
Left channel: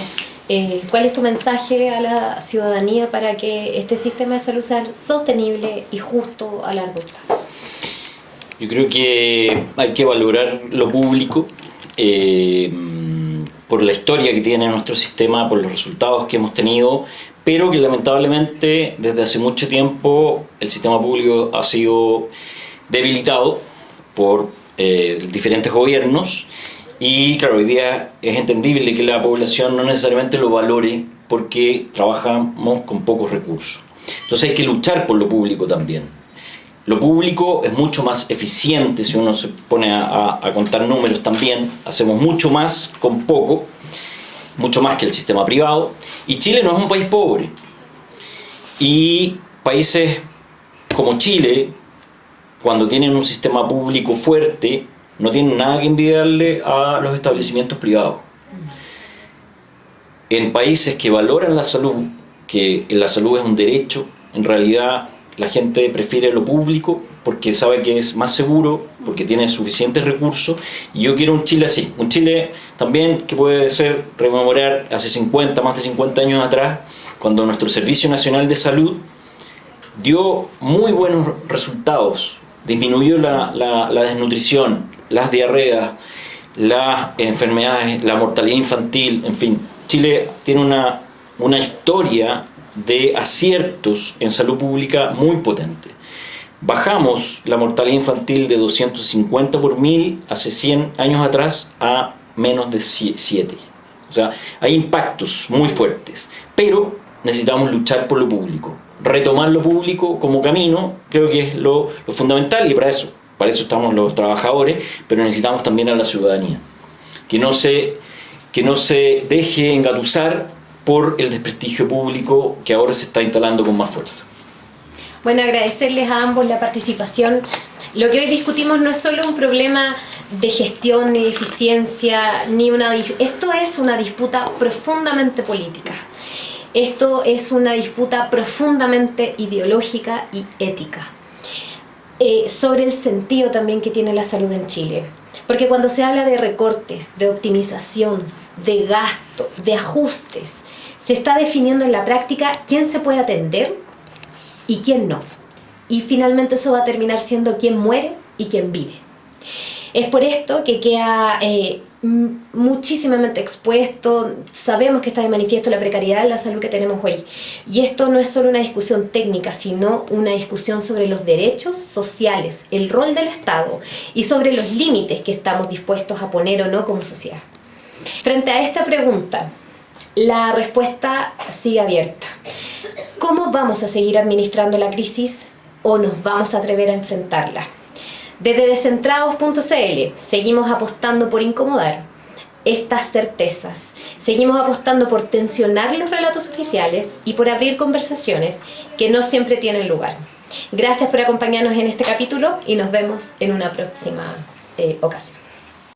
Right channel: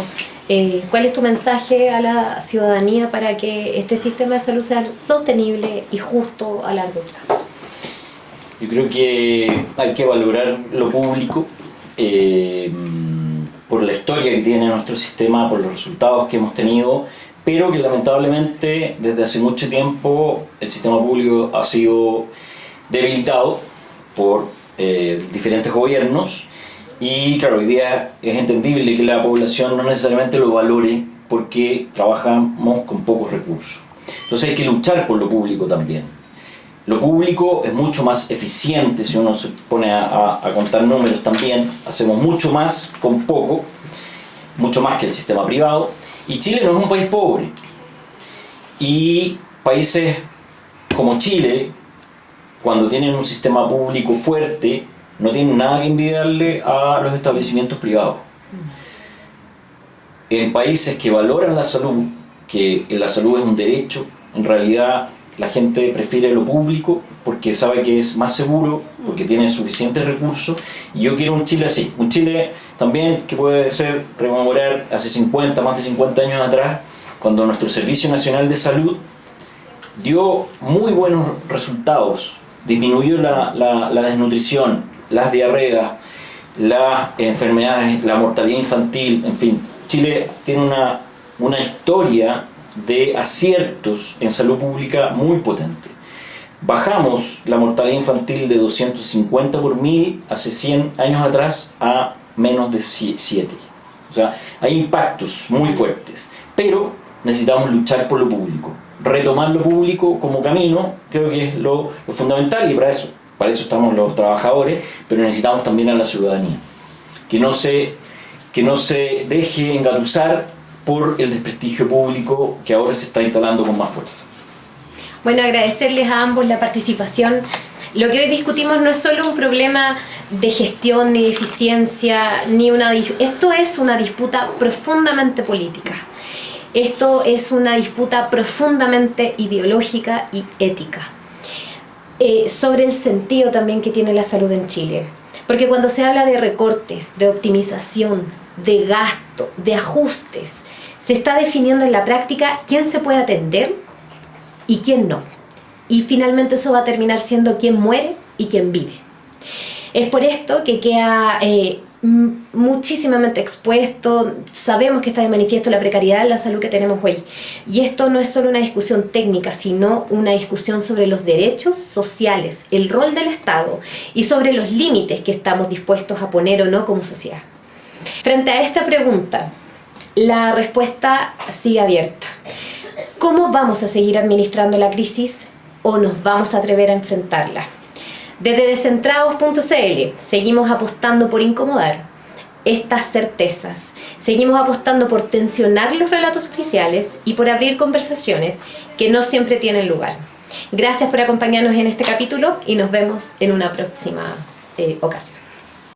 ¿Cuál es tu mensaje a la ciudadanía para que este sistema de salud sea sostenible y justo a largo plazo? Yo creo que hay que valorar lo público por la historia que tiene nuestro sistema, por los resultados que hemos tenido, pero que lamentablemente desde hace mucho tiempo el sistema público ha sido debilitado por diferentes gobiernos, y claro, hoy día es entendible que la población no necesariamente lo valore porque trabajamos con pocos recursos. Entonces hay que luchar por lo público también. Lo público es mucho más eficiente si uno se pone a contar números también. Hacemos mucho más con poco, mucho más que el sistema privado. Y Chile no es un país pobre. Y países como Chile, cuando tienen un sistema público fuerte, no tienen nada que envidiarle a los establecimientos privados. En países que valoran la salud, que la salud es un derecho, en realidad la gente prefiere lo público porque sabe que es más seguro, porque tiene suficientes recursos. Y yo quiero un Chile así, un Chile también que puede ser rememorar hace más de 50 años atrás, cuando nuestro Servicio Nacional de Salud dio muy buenos resultados, disminuyó la desnutrición, las diarreas, las enfermedades, la mortalidad infantil, en fin. Chile tiene una historia de aciertos en salud pública muy potente. Bajamos la mortalidad infantil de 250 por 1000 hace 100 años atrás a menos de 7. O sea, hay impactos muy fuertes, pero necesitamos luchar por lo público. Retomar lo público como camino creo que es lo fundamental, y para eso estamos los trabajadores, pero necesitamos también a la ciudadanía, que no se deje engatusar por el desprestigio público que ahora se está instalando con más fuerza. Bueno, agradecerles a ambos la participación. Lo que hoy discutimos no es solo un problema de gestión ni de eficiencia, esto es una disputa profundamente política. Esto es una disputa profundamente ideológica y ética, sobre el sentido también que tiene la salud en Chile. Porque cuando se habla de recortes, de optimización, de gasto, de ajustes, se está definiendo en la práctica quién se puede atender y quién no. Y finalmente eso va a terminar siendo quién muere y quién vive. Es por esto que queda muchísimamente expuesto. Sabemos que está de manifiesto la precariedad en la salud que tenemos hoy. Y esto no es solo una discusión técnica, sino una discusión sobre los derechos sociales, el rol del Estado y sobre los límites que estamos dispuestos a poner o no como sociedad. Frente a esta pregunta, la respuesta sigue abierta. ¿Cómo vamos a seguir administrando la crisis o nos vamos a atrever a enfrentarla? Desde Descentrados.cl seguimos apostando por incomodar estas certezas. Seguimos apostando por tensionar los relatos oficiales y por abrir conversaciones que no siempre tienen lugar. Gracias por acompañarnos en este capítulo y nos vemos en una próxima ocasión.